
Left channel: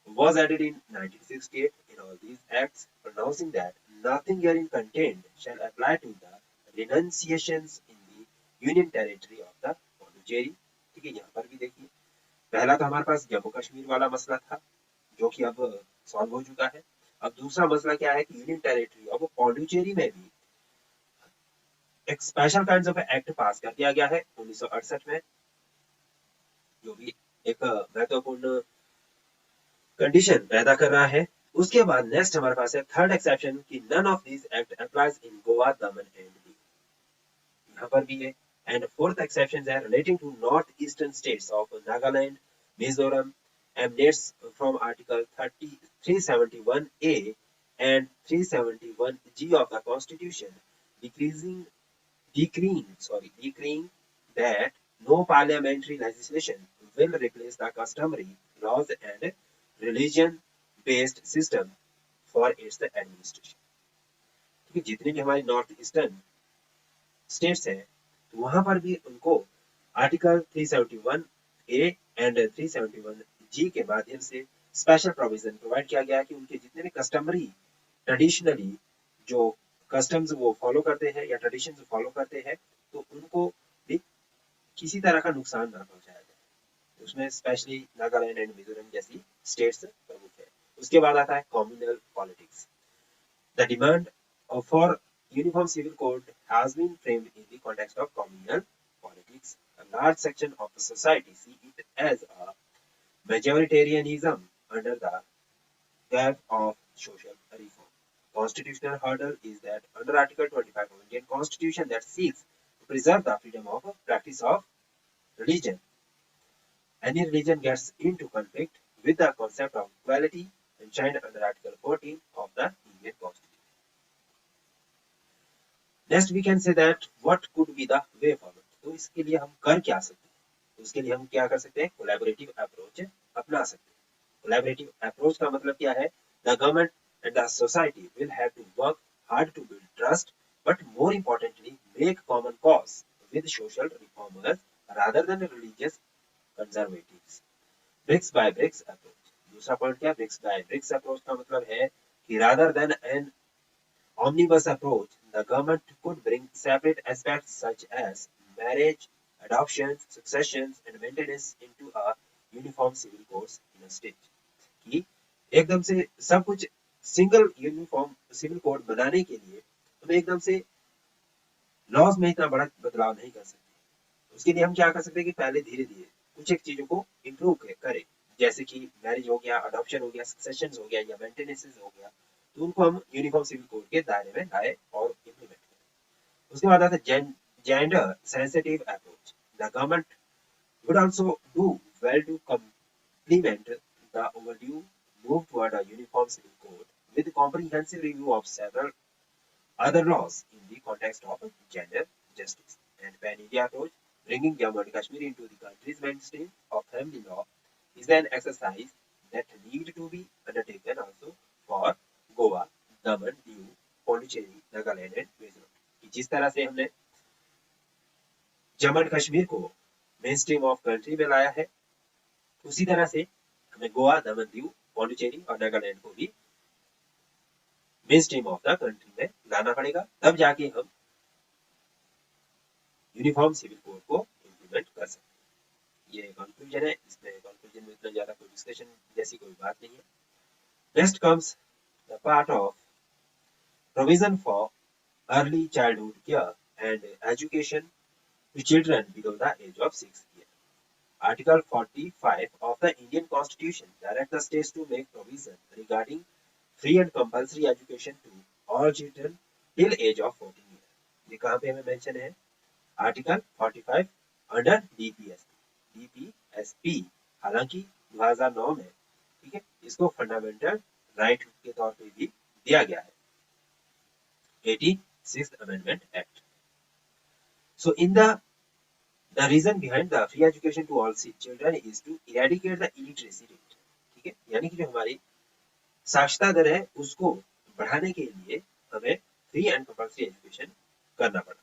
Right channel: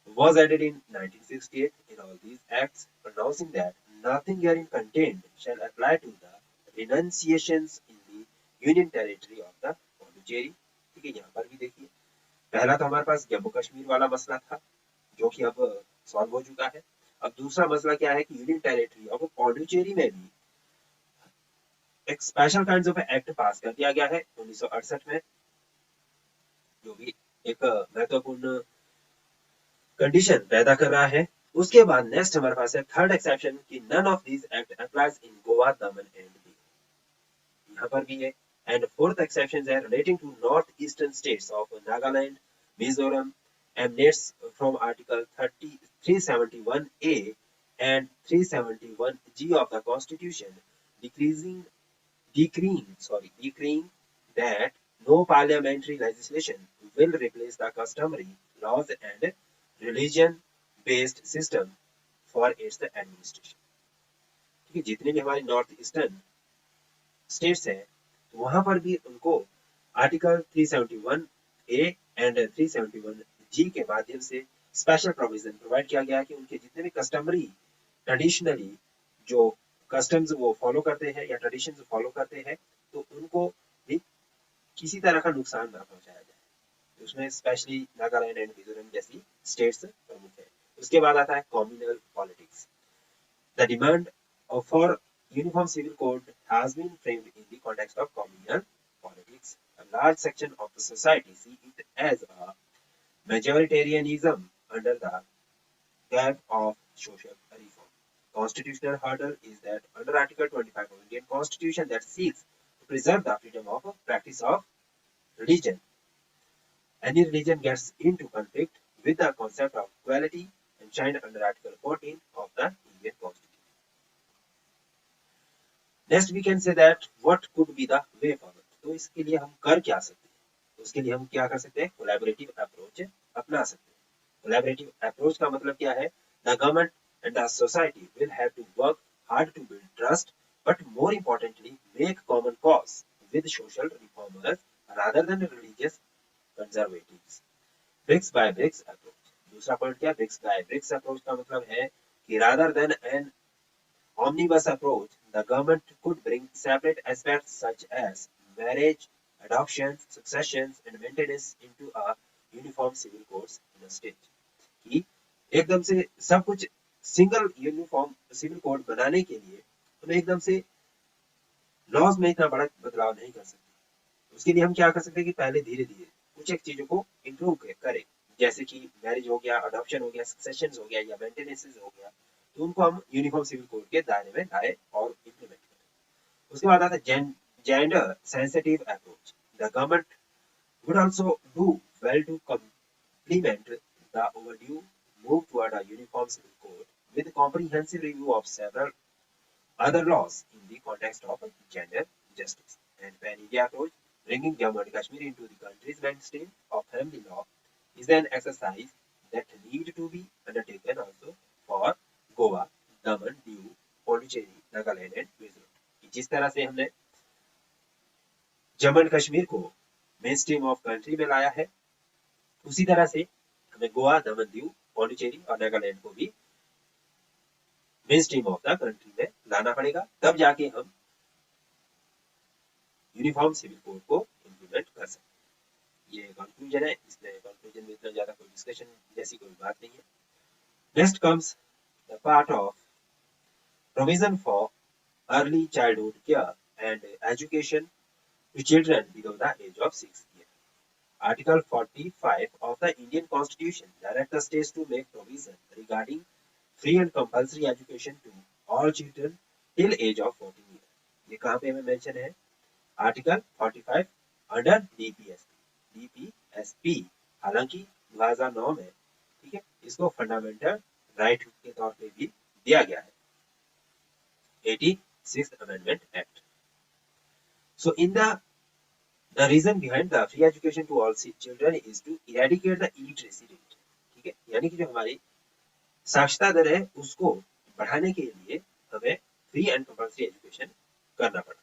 was added in 1968 in all these acts, pronouncing that nothing herein contained shall apply to the renunciations in the union territory of the Puducherry. ठीक है, यहाँ पर भी देखिए पहला तो हमारे पास जम्मू कश्मीर वाला मसला था जो कि अब सॉल्व हो चुका है। अब दूसरा मसला क्या है कि यूनियन टेरिटरी ऑफ पौंडीचेरी में भी एक स्पेशल काइंड्स ऑफ एक्ट पास कर दिया गया है 1968 में, जो भी एक महत्वपूर्ण कंडीशन पैदा कर रहा है। उसके बाद नेक्स्ट हमारे पास है थर्ड एक्सेप्शन कि none of these act applies in Goa, Daman and Diu, यहाँ पर भी है। एंड फोर्थ एक्सेप्शन है relating to north eastern states of Nagaland, Mizoram emanates from Article 371A and 371G of the Constitution, decreeing that no parliamentary legislation will replace the customary laws and religion-based system for its administration. ठीक है, जितने भी हमारे north eastern states हैं तो वहां पर भी उनको आर्टिकल 371A एंड 371G के माध्यम से स्पेशल प्रोविजन प्रोवाइड किया गया है कि उनके जितने भी कस्टमरी ट्रेडिशनली जो कस्टम्स वो फॉलो करते हैं या ट्रेडिशन फॉलो करते हैं तो उनको भी किसी तरह का नुकसान ना पहुंचाया जाए। उसमें स्पेशली नागालैंड एंड मिजोरम जैसी स्टेट्स प्रमुख है। उसके बाद आता है communal politics. The demand for uniform civil code has been framed in the context of communal politics. A large section of the society see it as a majoritarianism under the gap of social reform. Constitutional hurdle is that under Article 25 of Indian Constitution that seeks to preserve the freedom of practice of religion. Any religion gets into conflict with the concept of equality enshrined under Article 14 of the Indian Constitution. Next we can say that what could be the way forward. तो इसके लिए हम कर क्या सकते हैं? उसके लिए हम क्या कर सकते हैं? कोलैबोरेटिव अप्रोच अपना सकते हैं। कोलैबोरेटिव अप्रोच का मतलब क्या है? The government and the society will have to work hard to build trust, but more importantly, make common cause with social reformers rather than religious conservatives. Bricks by bricks approach. दूसरा point क्या? Bricks by bricks approach का मतलब है कि rather than an omnibus approach, the government could bring separate aspects such as marriage, adoptions, successions, and maintenance into a uniform civil codes in a state. कि एकदम से सब कुछ सिंगल यूनिफॉर्म सिविल कोड बनाने के लिए हम एकदम से लॉज में इतना बड़ा बदलाव नहीं कर सकते। उसके लिए हम क्या कर सकते हैं कि पहले धीरे धीरे कुछ एक चीजों को इम्प्रूव करें, जैसे कि मैरिज हो गया, अडॉप्शन हो गया, सक्सेशन हो गया या मेंटेनेंस हो गया, तो उनको हम यूनिफॉर्म सिविल कोड के दायरे में लाए और इम्प्लीमेंट करें। उसके बाद आता है gender sensitive approach. The government would also do well to complement the overdue move toward a uniform civil code with comprehensive review of several other laws in the context of gender justice and pan-India approach. Bringing Jammu and Kashmir into the country's mainstream of family law is an exercise that need to be undertaken also for Goa, Daman, Diu, Pondicherry, Nagaland and Mizoram। जिस तरह से हमने Jammu and Kashmir को main stream of country में लाया है, उसी तरह से हमें गोवा, दमन, दीव, पौंडीचेरी और नागालैंड को भी main stream of the country में लाना पड़ेगा, तब जाके हम यूनिफॉर्म सिविल कोड को इम्प्लीमेंट कर सकते हैं। ये कंक्लूजन है। इसमें कंक्लूजन में इतना ज्यादा कोई डिस्कशन जैसी कोई बात नहीं है। Next comes the part of provision for early childhood care and education to children below the age of 6 years. Article 45 of the Indian Constitution directs the states to make provision regarding free and compulsory education to all children till age of 14 years. ये कहाँ पे हमें mention है? Article 45 under DPSP. हालांकि 2009 में, ठीक है, इसको फंडामेंटल राइट के तौर पे भी दिया गया है, 86th amendment act. So in the reason behind the free education to all children is to eradicate the illiteracy rate, ठीक है, यानी कि जो हमारी साक्षरता दर है उसको बढ़ाने के लिए हमें फ्री एंड कंपल्सरी एजुकेशन करना पड़ा।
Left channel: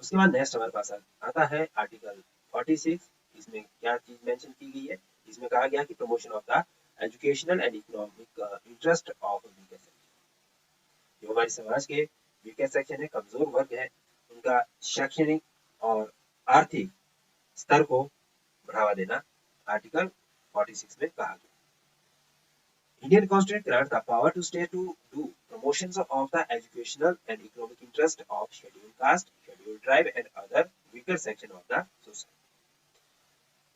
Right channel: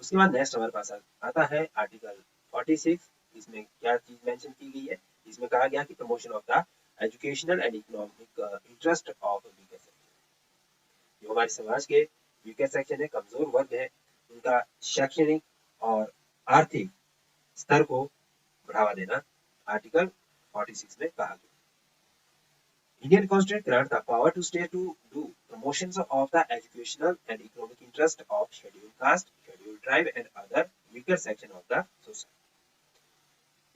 उसके बाद नेक्स्ट हमारे पास आता है आर्टिकल 46। इसमें क्या चीज मेंशन की गई है? इसमें कहा गया कि promotion of the educational and economic interest of weaker section. जो हमारे समाज के वीकर सेक्शन है, कमजोर वर्ग है, उनका शैक्षणिक और आर्थिक स्तर को बढ़ावा देना आर्टिकल 46 में कहा गया। Indian Constitution grants the power to state to do promotions of the educational and economic interest of scheduled caste, scheduled tribe and other weaker section of the society।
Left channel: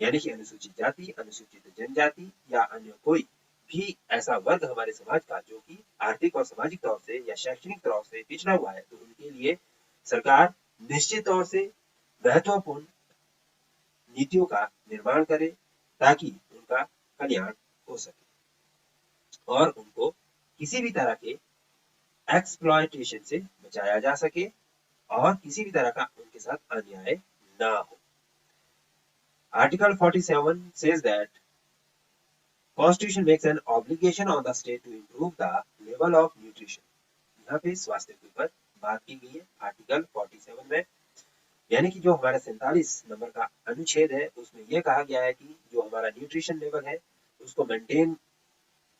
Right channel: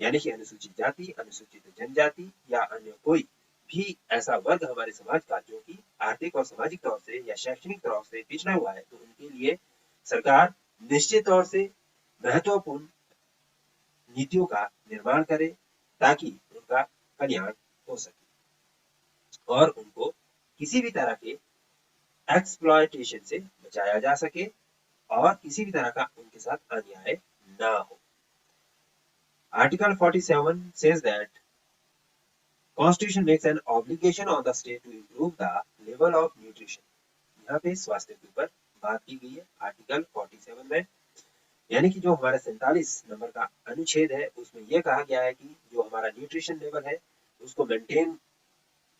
यानी कि अनुसूचित जाति, अनुसूचित जनजाति या अन्य कोई भी ऐसा वर्ग हमारे समाज का जो कि आर्थिक और सामाजिक तौर से या शैक्षणिक तौर से पिछड़ा हुआ है, तो उनके लिए सरकार निश्चित तौर से महत्वपूर्ण नीतियों का निर्माण करे ताकि उनका कल्याण हो सके और उनको किसी भी तरह के एक्सप्लॉयटेशन से बचाया जा सके और किसी भी तरह का उनके साथ अन्याय ना हो। Article 47 says that Constitution makes an obligation on the state to improve the level of nutrition। यहाँ पे स्वास्थ्य के ऊपर बात की गई है आर्टिकल 47 में, यानी कि जो हमारा 47 नंबर का अनुच्छेद है उसमें यह कहा गया है कि जो हमारा न्यूट्रिशन लेवल है उसको मेंटेन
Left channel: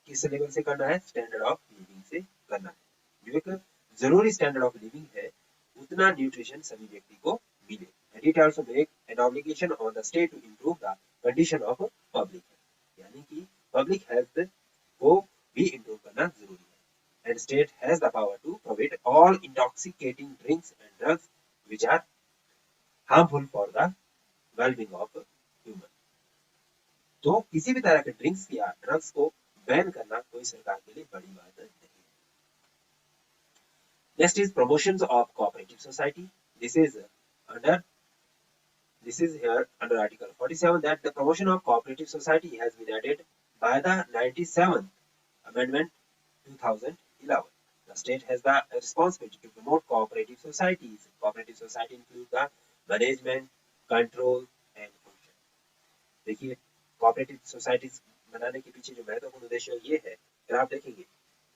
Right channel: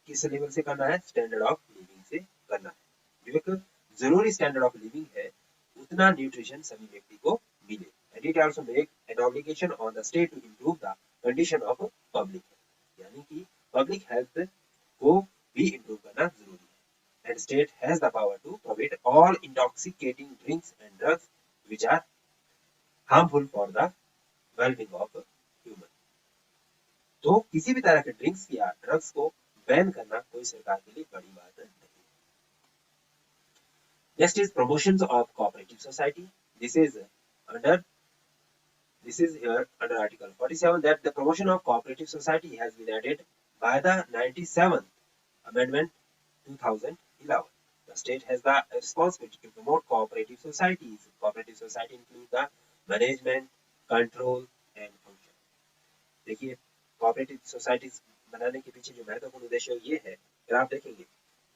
किस लेवल से करना है? स्टैंडर्ड ऑफ लिविंग से करना है। जो एक जरूरी स्टैंडर्ड ऑफ लिविंग है उतना न्यूट्रिशन सभी व्यक्ति को मिले। And it also make an obligation on the state to improve the condition of public health, यानी कि पब्लिक हेल्थ को भी इंप्रूव करना जरूरी है। And state has the power to prohibit all intoxicating drinks and drugs which are harmful for the wellbeing of human. तो किसी भी तरह के ड्रिंक्स या ड्रग्स को बैन करना कोई सरकार के लिए बड़ी बात नहीं। Next is promotions of cooperative society. This is under here under Article 47 that the promotion of cooperative society has been added by the 97th Amendment 2011. The state has the responsibility to promote cooperative societies. Cooperative society include the management, control and function. देखिए cooperative societies बनाने के पीछे जो महत्वपूर्ण उद्देश्य ये है, अगर आप देखेंगे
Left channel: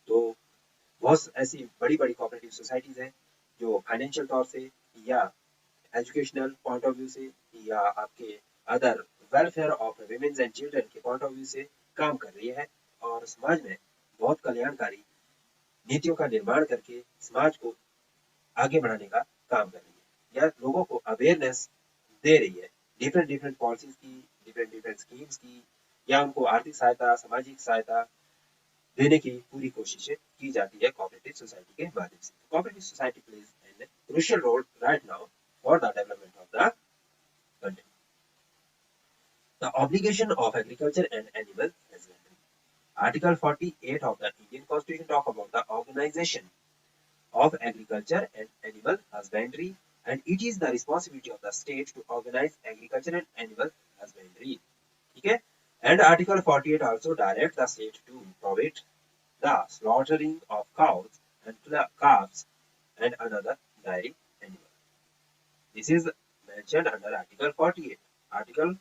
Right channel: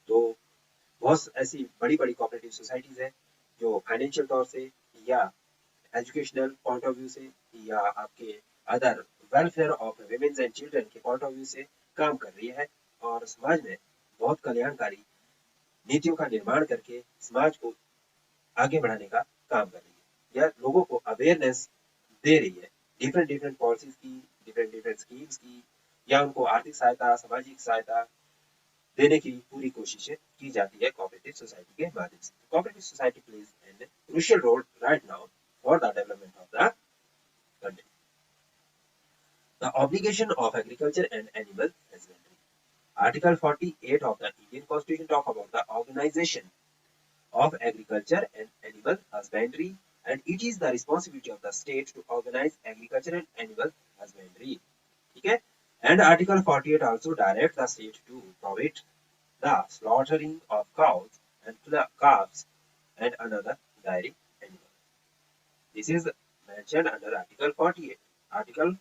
तो बहुत ऐसी बड़ी बड़ी कोऑपरेटिव सोसाइटीज हैं जो फाइनेंशियल तौर से या एजुकेशनल पॉइंट ऑफ व्यू से या आपके other welfare of women's and children के पॉइंट ऑफ व्यू से काम कर रही है और समाज में बहुत कल्याणकारी नीतियों का निर्माण करके समाज को आगे बढ़ाने का काम कर रही है या लोगों को अवेयरनेस दे रही है डिफरेंट डिफरेंट पॉलिसीज की, डिफरेंट डिफरेंट स्कीम्स की, या उनको आर्थिक सहायता, सामाजिक सहायता देने की पूरी कोशिशें की जाती है कोऑपरेटिव सोसाइटी के माध्यम से। Cooperative society plays an crucial role right now for the development of the country. The obligation of agriculture and animal husbandry. Article 48 of the Indian Constitution talk about the organization of agriculture and animal husbandry, and it is the responsibility of the state to organize agriculture and animal husbandry. ठीक है? And Article 48 also directs the state to prohibit the slaughtering of cows and calves and another dairy animal. This is mentioned under Article 48. Article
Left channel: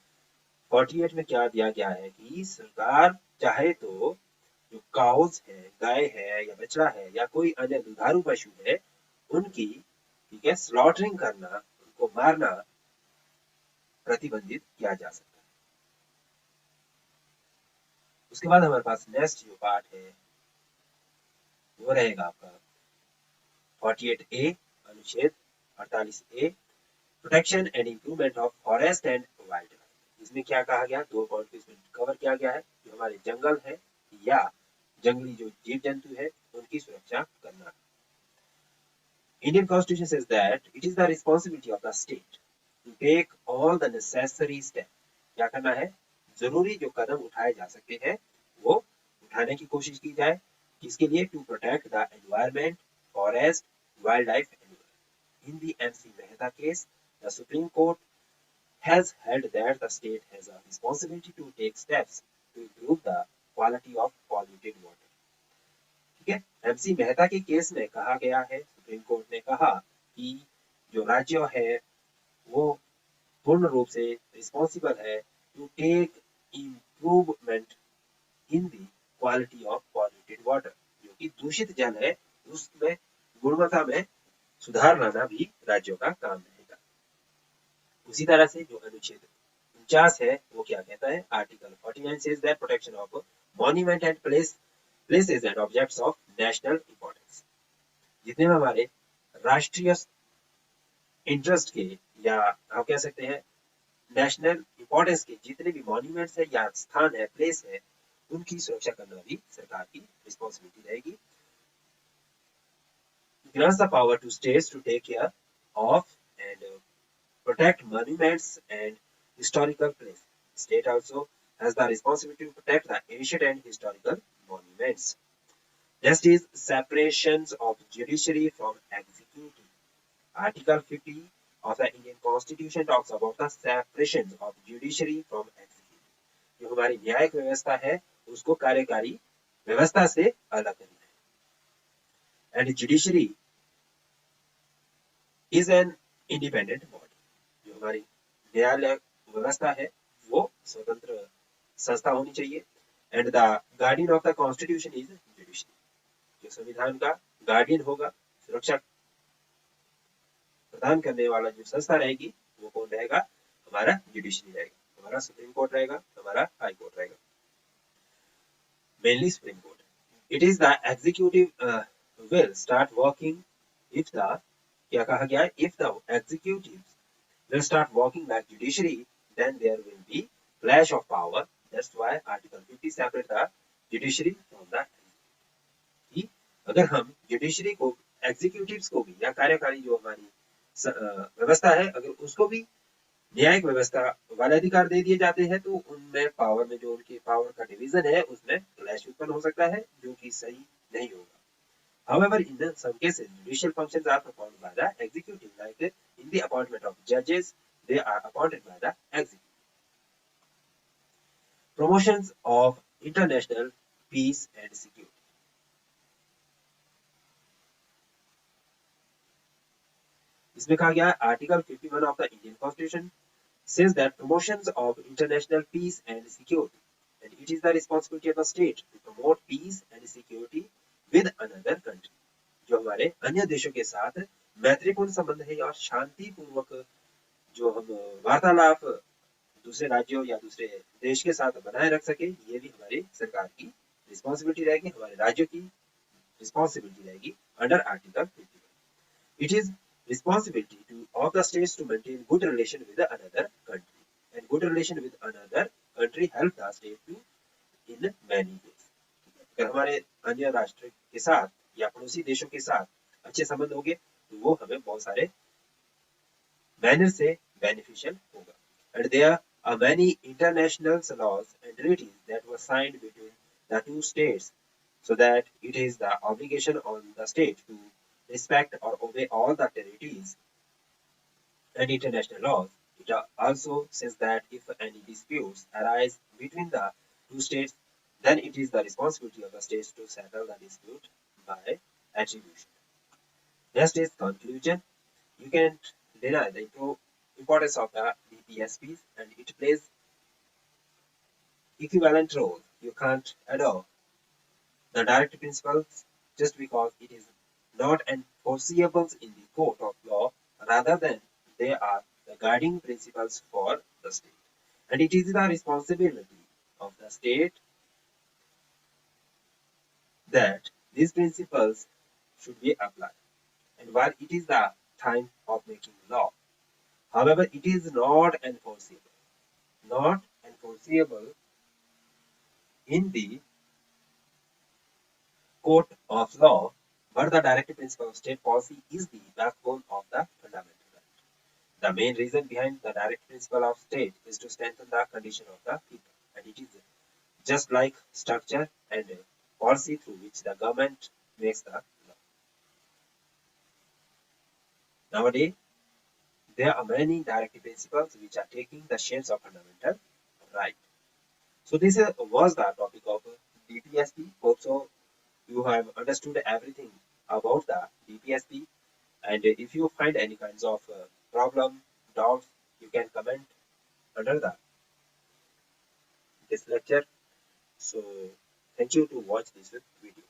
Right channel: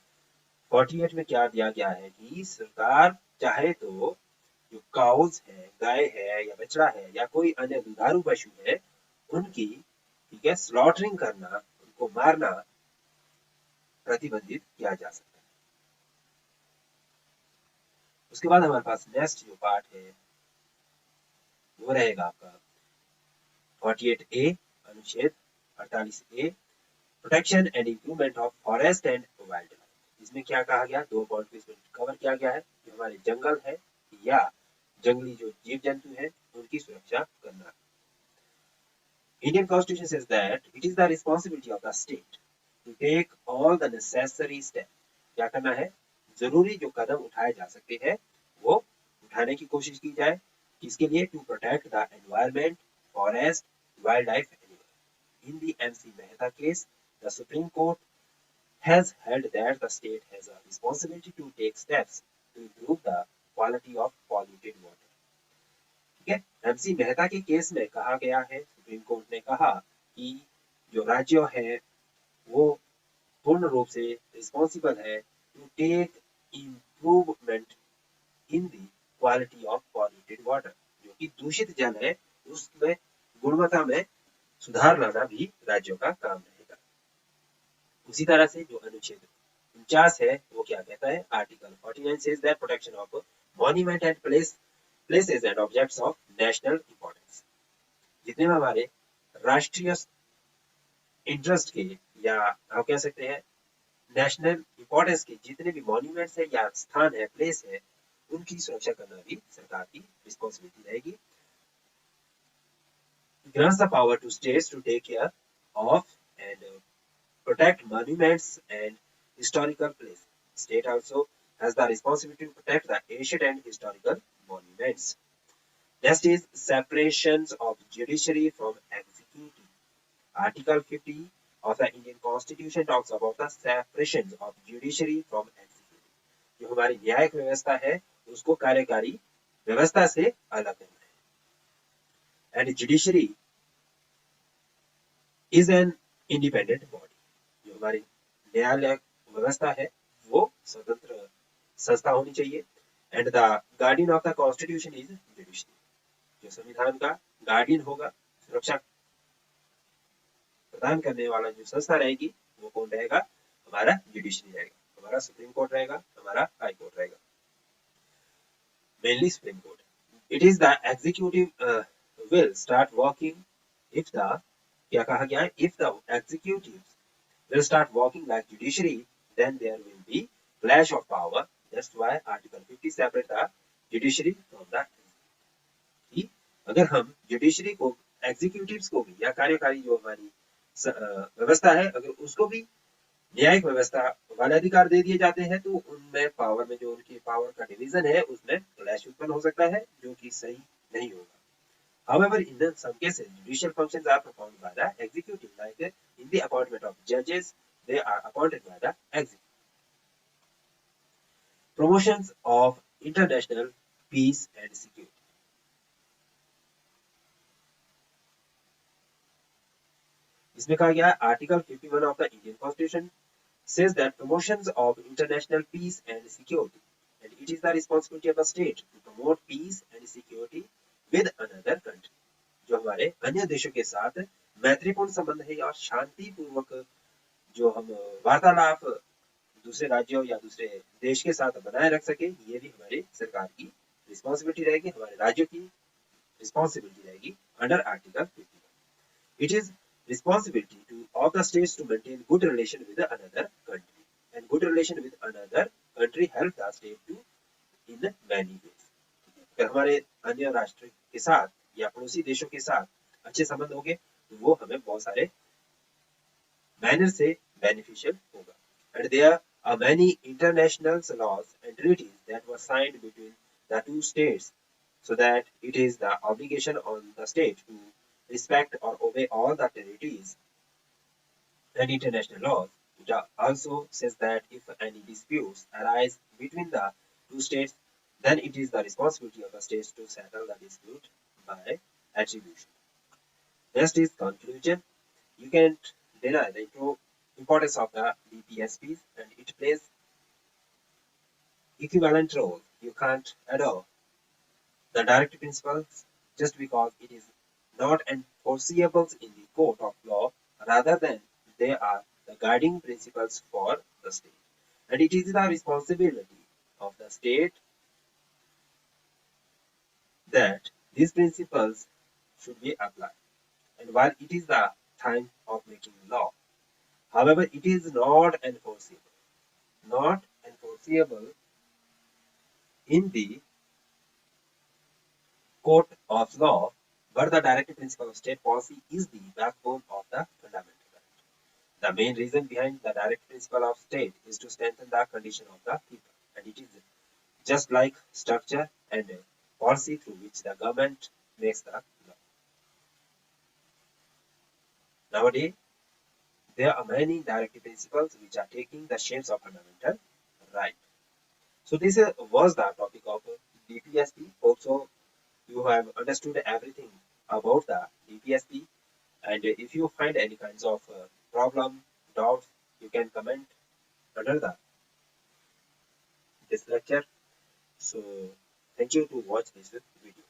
48 में क्या दिया गया है कि सरकार चाहे तो जो काउज है, गाय है या बछड़ा है या कोई अन्य दुधारू पशु है, उनकी ठीक है स्लॉटरिंग करना, उनको मारना प्रतिबंधित किया जा सकता है। उसके बाद हमारे पास नेक्स्ट जो पार्ट है वो रहेगा आपका 48A अनुच्छेद 48A protection and improvement of forest and wild life. इसमें क्या कहा गया, दो पॉइंट को इसमें कवर किया गया है कि हमारे जंगल है या जंगली जो जीव जंतु है उनकी सुरक्षा करना। Indian constitution says that it is the responsibility of the state to take all the necessary step. क्या करना है, जरूरी जो कदम उठाए जा सकते हैं वो उठाने की कोशिश की जाए। किसके लिए, to protect the environment, forest, wild life animal. In the MC Mehta case the Supreme Court has held that the state has a responsibility to take steps to improve the quality of polluted water. ठीक है, MC Mehta के case में कहा गया है, supreme court ने कहा कि जो राज्य है वो पूर्ण रूप से रिस्पॉन्सिबल है to take improvement in the quality of polluted water. जो कि दूषित जल है उसमें गुणवत्ता में सुधार लाना भी राज्यों का काम है। उसी तरह से जो अनुच्छेद 49 है वो क्या कहता है, article 49 says that protection of monument and places and objects of national importance। जितने हमारे राष्ट्रीय इंटरेस्ट के या आप कह सकते हैं नेशनल इंपॉर्टेंस के जितने भी मॉन्यूमेंट्स है या स्थान है, प्लेस है, उनकी सुरक्षा करना भी सरकार की रिस्पॉन्सिबिलिटी रहेगी। grants the power to states to take care of and protect monuments and historical places. State also has the responsibility to protect the ancient and historical monuments. Next is separations of judiciary from executive. Article 50 of the Indian Constitution talks about the separations of judiciary from executive. जो हमारी न्यायिक व्यवस्था है उसको कार्यकारी व्यवस्था से अलग करना है। And judiciary is an independent body। जो हमारी न्यायालय व्यवस्था है वो स्वतंत्र संस्था होनी चाहिए। And the guardian of the constitution is judiciary. जो संविधान का गार्डियन होगा, सुरक्षा प्रदान करने वाला जो संस्था रहेगी वो कौन रहेगा, हमारा जुडिशरी रहेगा, हमारा सुप्रीम कोर्ट रहेगा, हमारा हाई कोर्ट रहेगा, mainly supreme court. It is the executive will start working if the क्या कहा गया है if the executives will start working like judiciary, then there will be clash of power. That's why Article 50 separate the judiciary from the executive. अगर हम judiciary को executives को भी या कार्यकारी जो हमारी व्यवस्था है अगर उसको भी न्यायिक व्यवस्था वाले अधिकार दे दिए जाते हैं तो उनमें पावर में जो उनकी पावर का डिवीजन है उसमें क्लैश उत्पन्न हो सकता है जो कि सही नहीं होगा. However, in some cases, judicial functions are performed by the executive, like in the appointment of judges, they are appointed by the executive. Promotions of international peace and security. इसमें कहा गया article 51 of the Indian Constitution says that promotions of international peace and security, and it is the responsibility of the state to promote peace and security with another country. जो हमारे अन्य देशों के साथ मैत्रीपूर्ण संबंध है और शांति पूर्वक जो हम वार्तालाप दूसरे राज्यों या दूसरे देश के साथ बनाए रख सके, ये भी हमारी सरकार की रिस्पॉन्सिबिलिटी रहेगी, हमारे राज्यों की रिस्पॉन्सिबिलिटी रहेगी under article 51. It is responsibility of the states to maintain good relation with another country, and good relation with another country help the state to in many ways. अगर हमारे अन्य राष्ट्र के साथ या पड़ोसी देशों के साथ अच्छे संबंध होंगे तो वो हमें बहुत सारे मैनर से बेनिफिशियल होगा. And there are many international laws and treaties that were signed between the two states, so that it is the obligation on the state to respect or obey all the treaties and international laws. It also says that if any disputes arise between the two states, then it is the responsibility of the states to settle the dispute by attribution. Next is conclusion. You can't deny the importance of the DPSPs, and it plays equivalent role. You can't adopt the direct principles just because it is not enforceable in the court of law, rather than they are the guiding principles for the state. And it is the responsibility of the state that these principles should be applied. And while it is the time of making law, however, it is not enforceable. Not enforceable in the court of law, but the directive principle of state policy is the backbone of the fundamental right. The main reason behind the direct principle of state is to strengthen the condition of the people, and it is just like structure and policy through which the government makes the law. Nowadays, there are many directive principles which are taking the shapes of fundamental right. So this was the topic of DPSP. Hope so you have understood everything about the DPSP, and if you find any kinds of problem, doubts, you can comment under this lecture. So thank you to watch this video.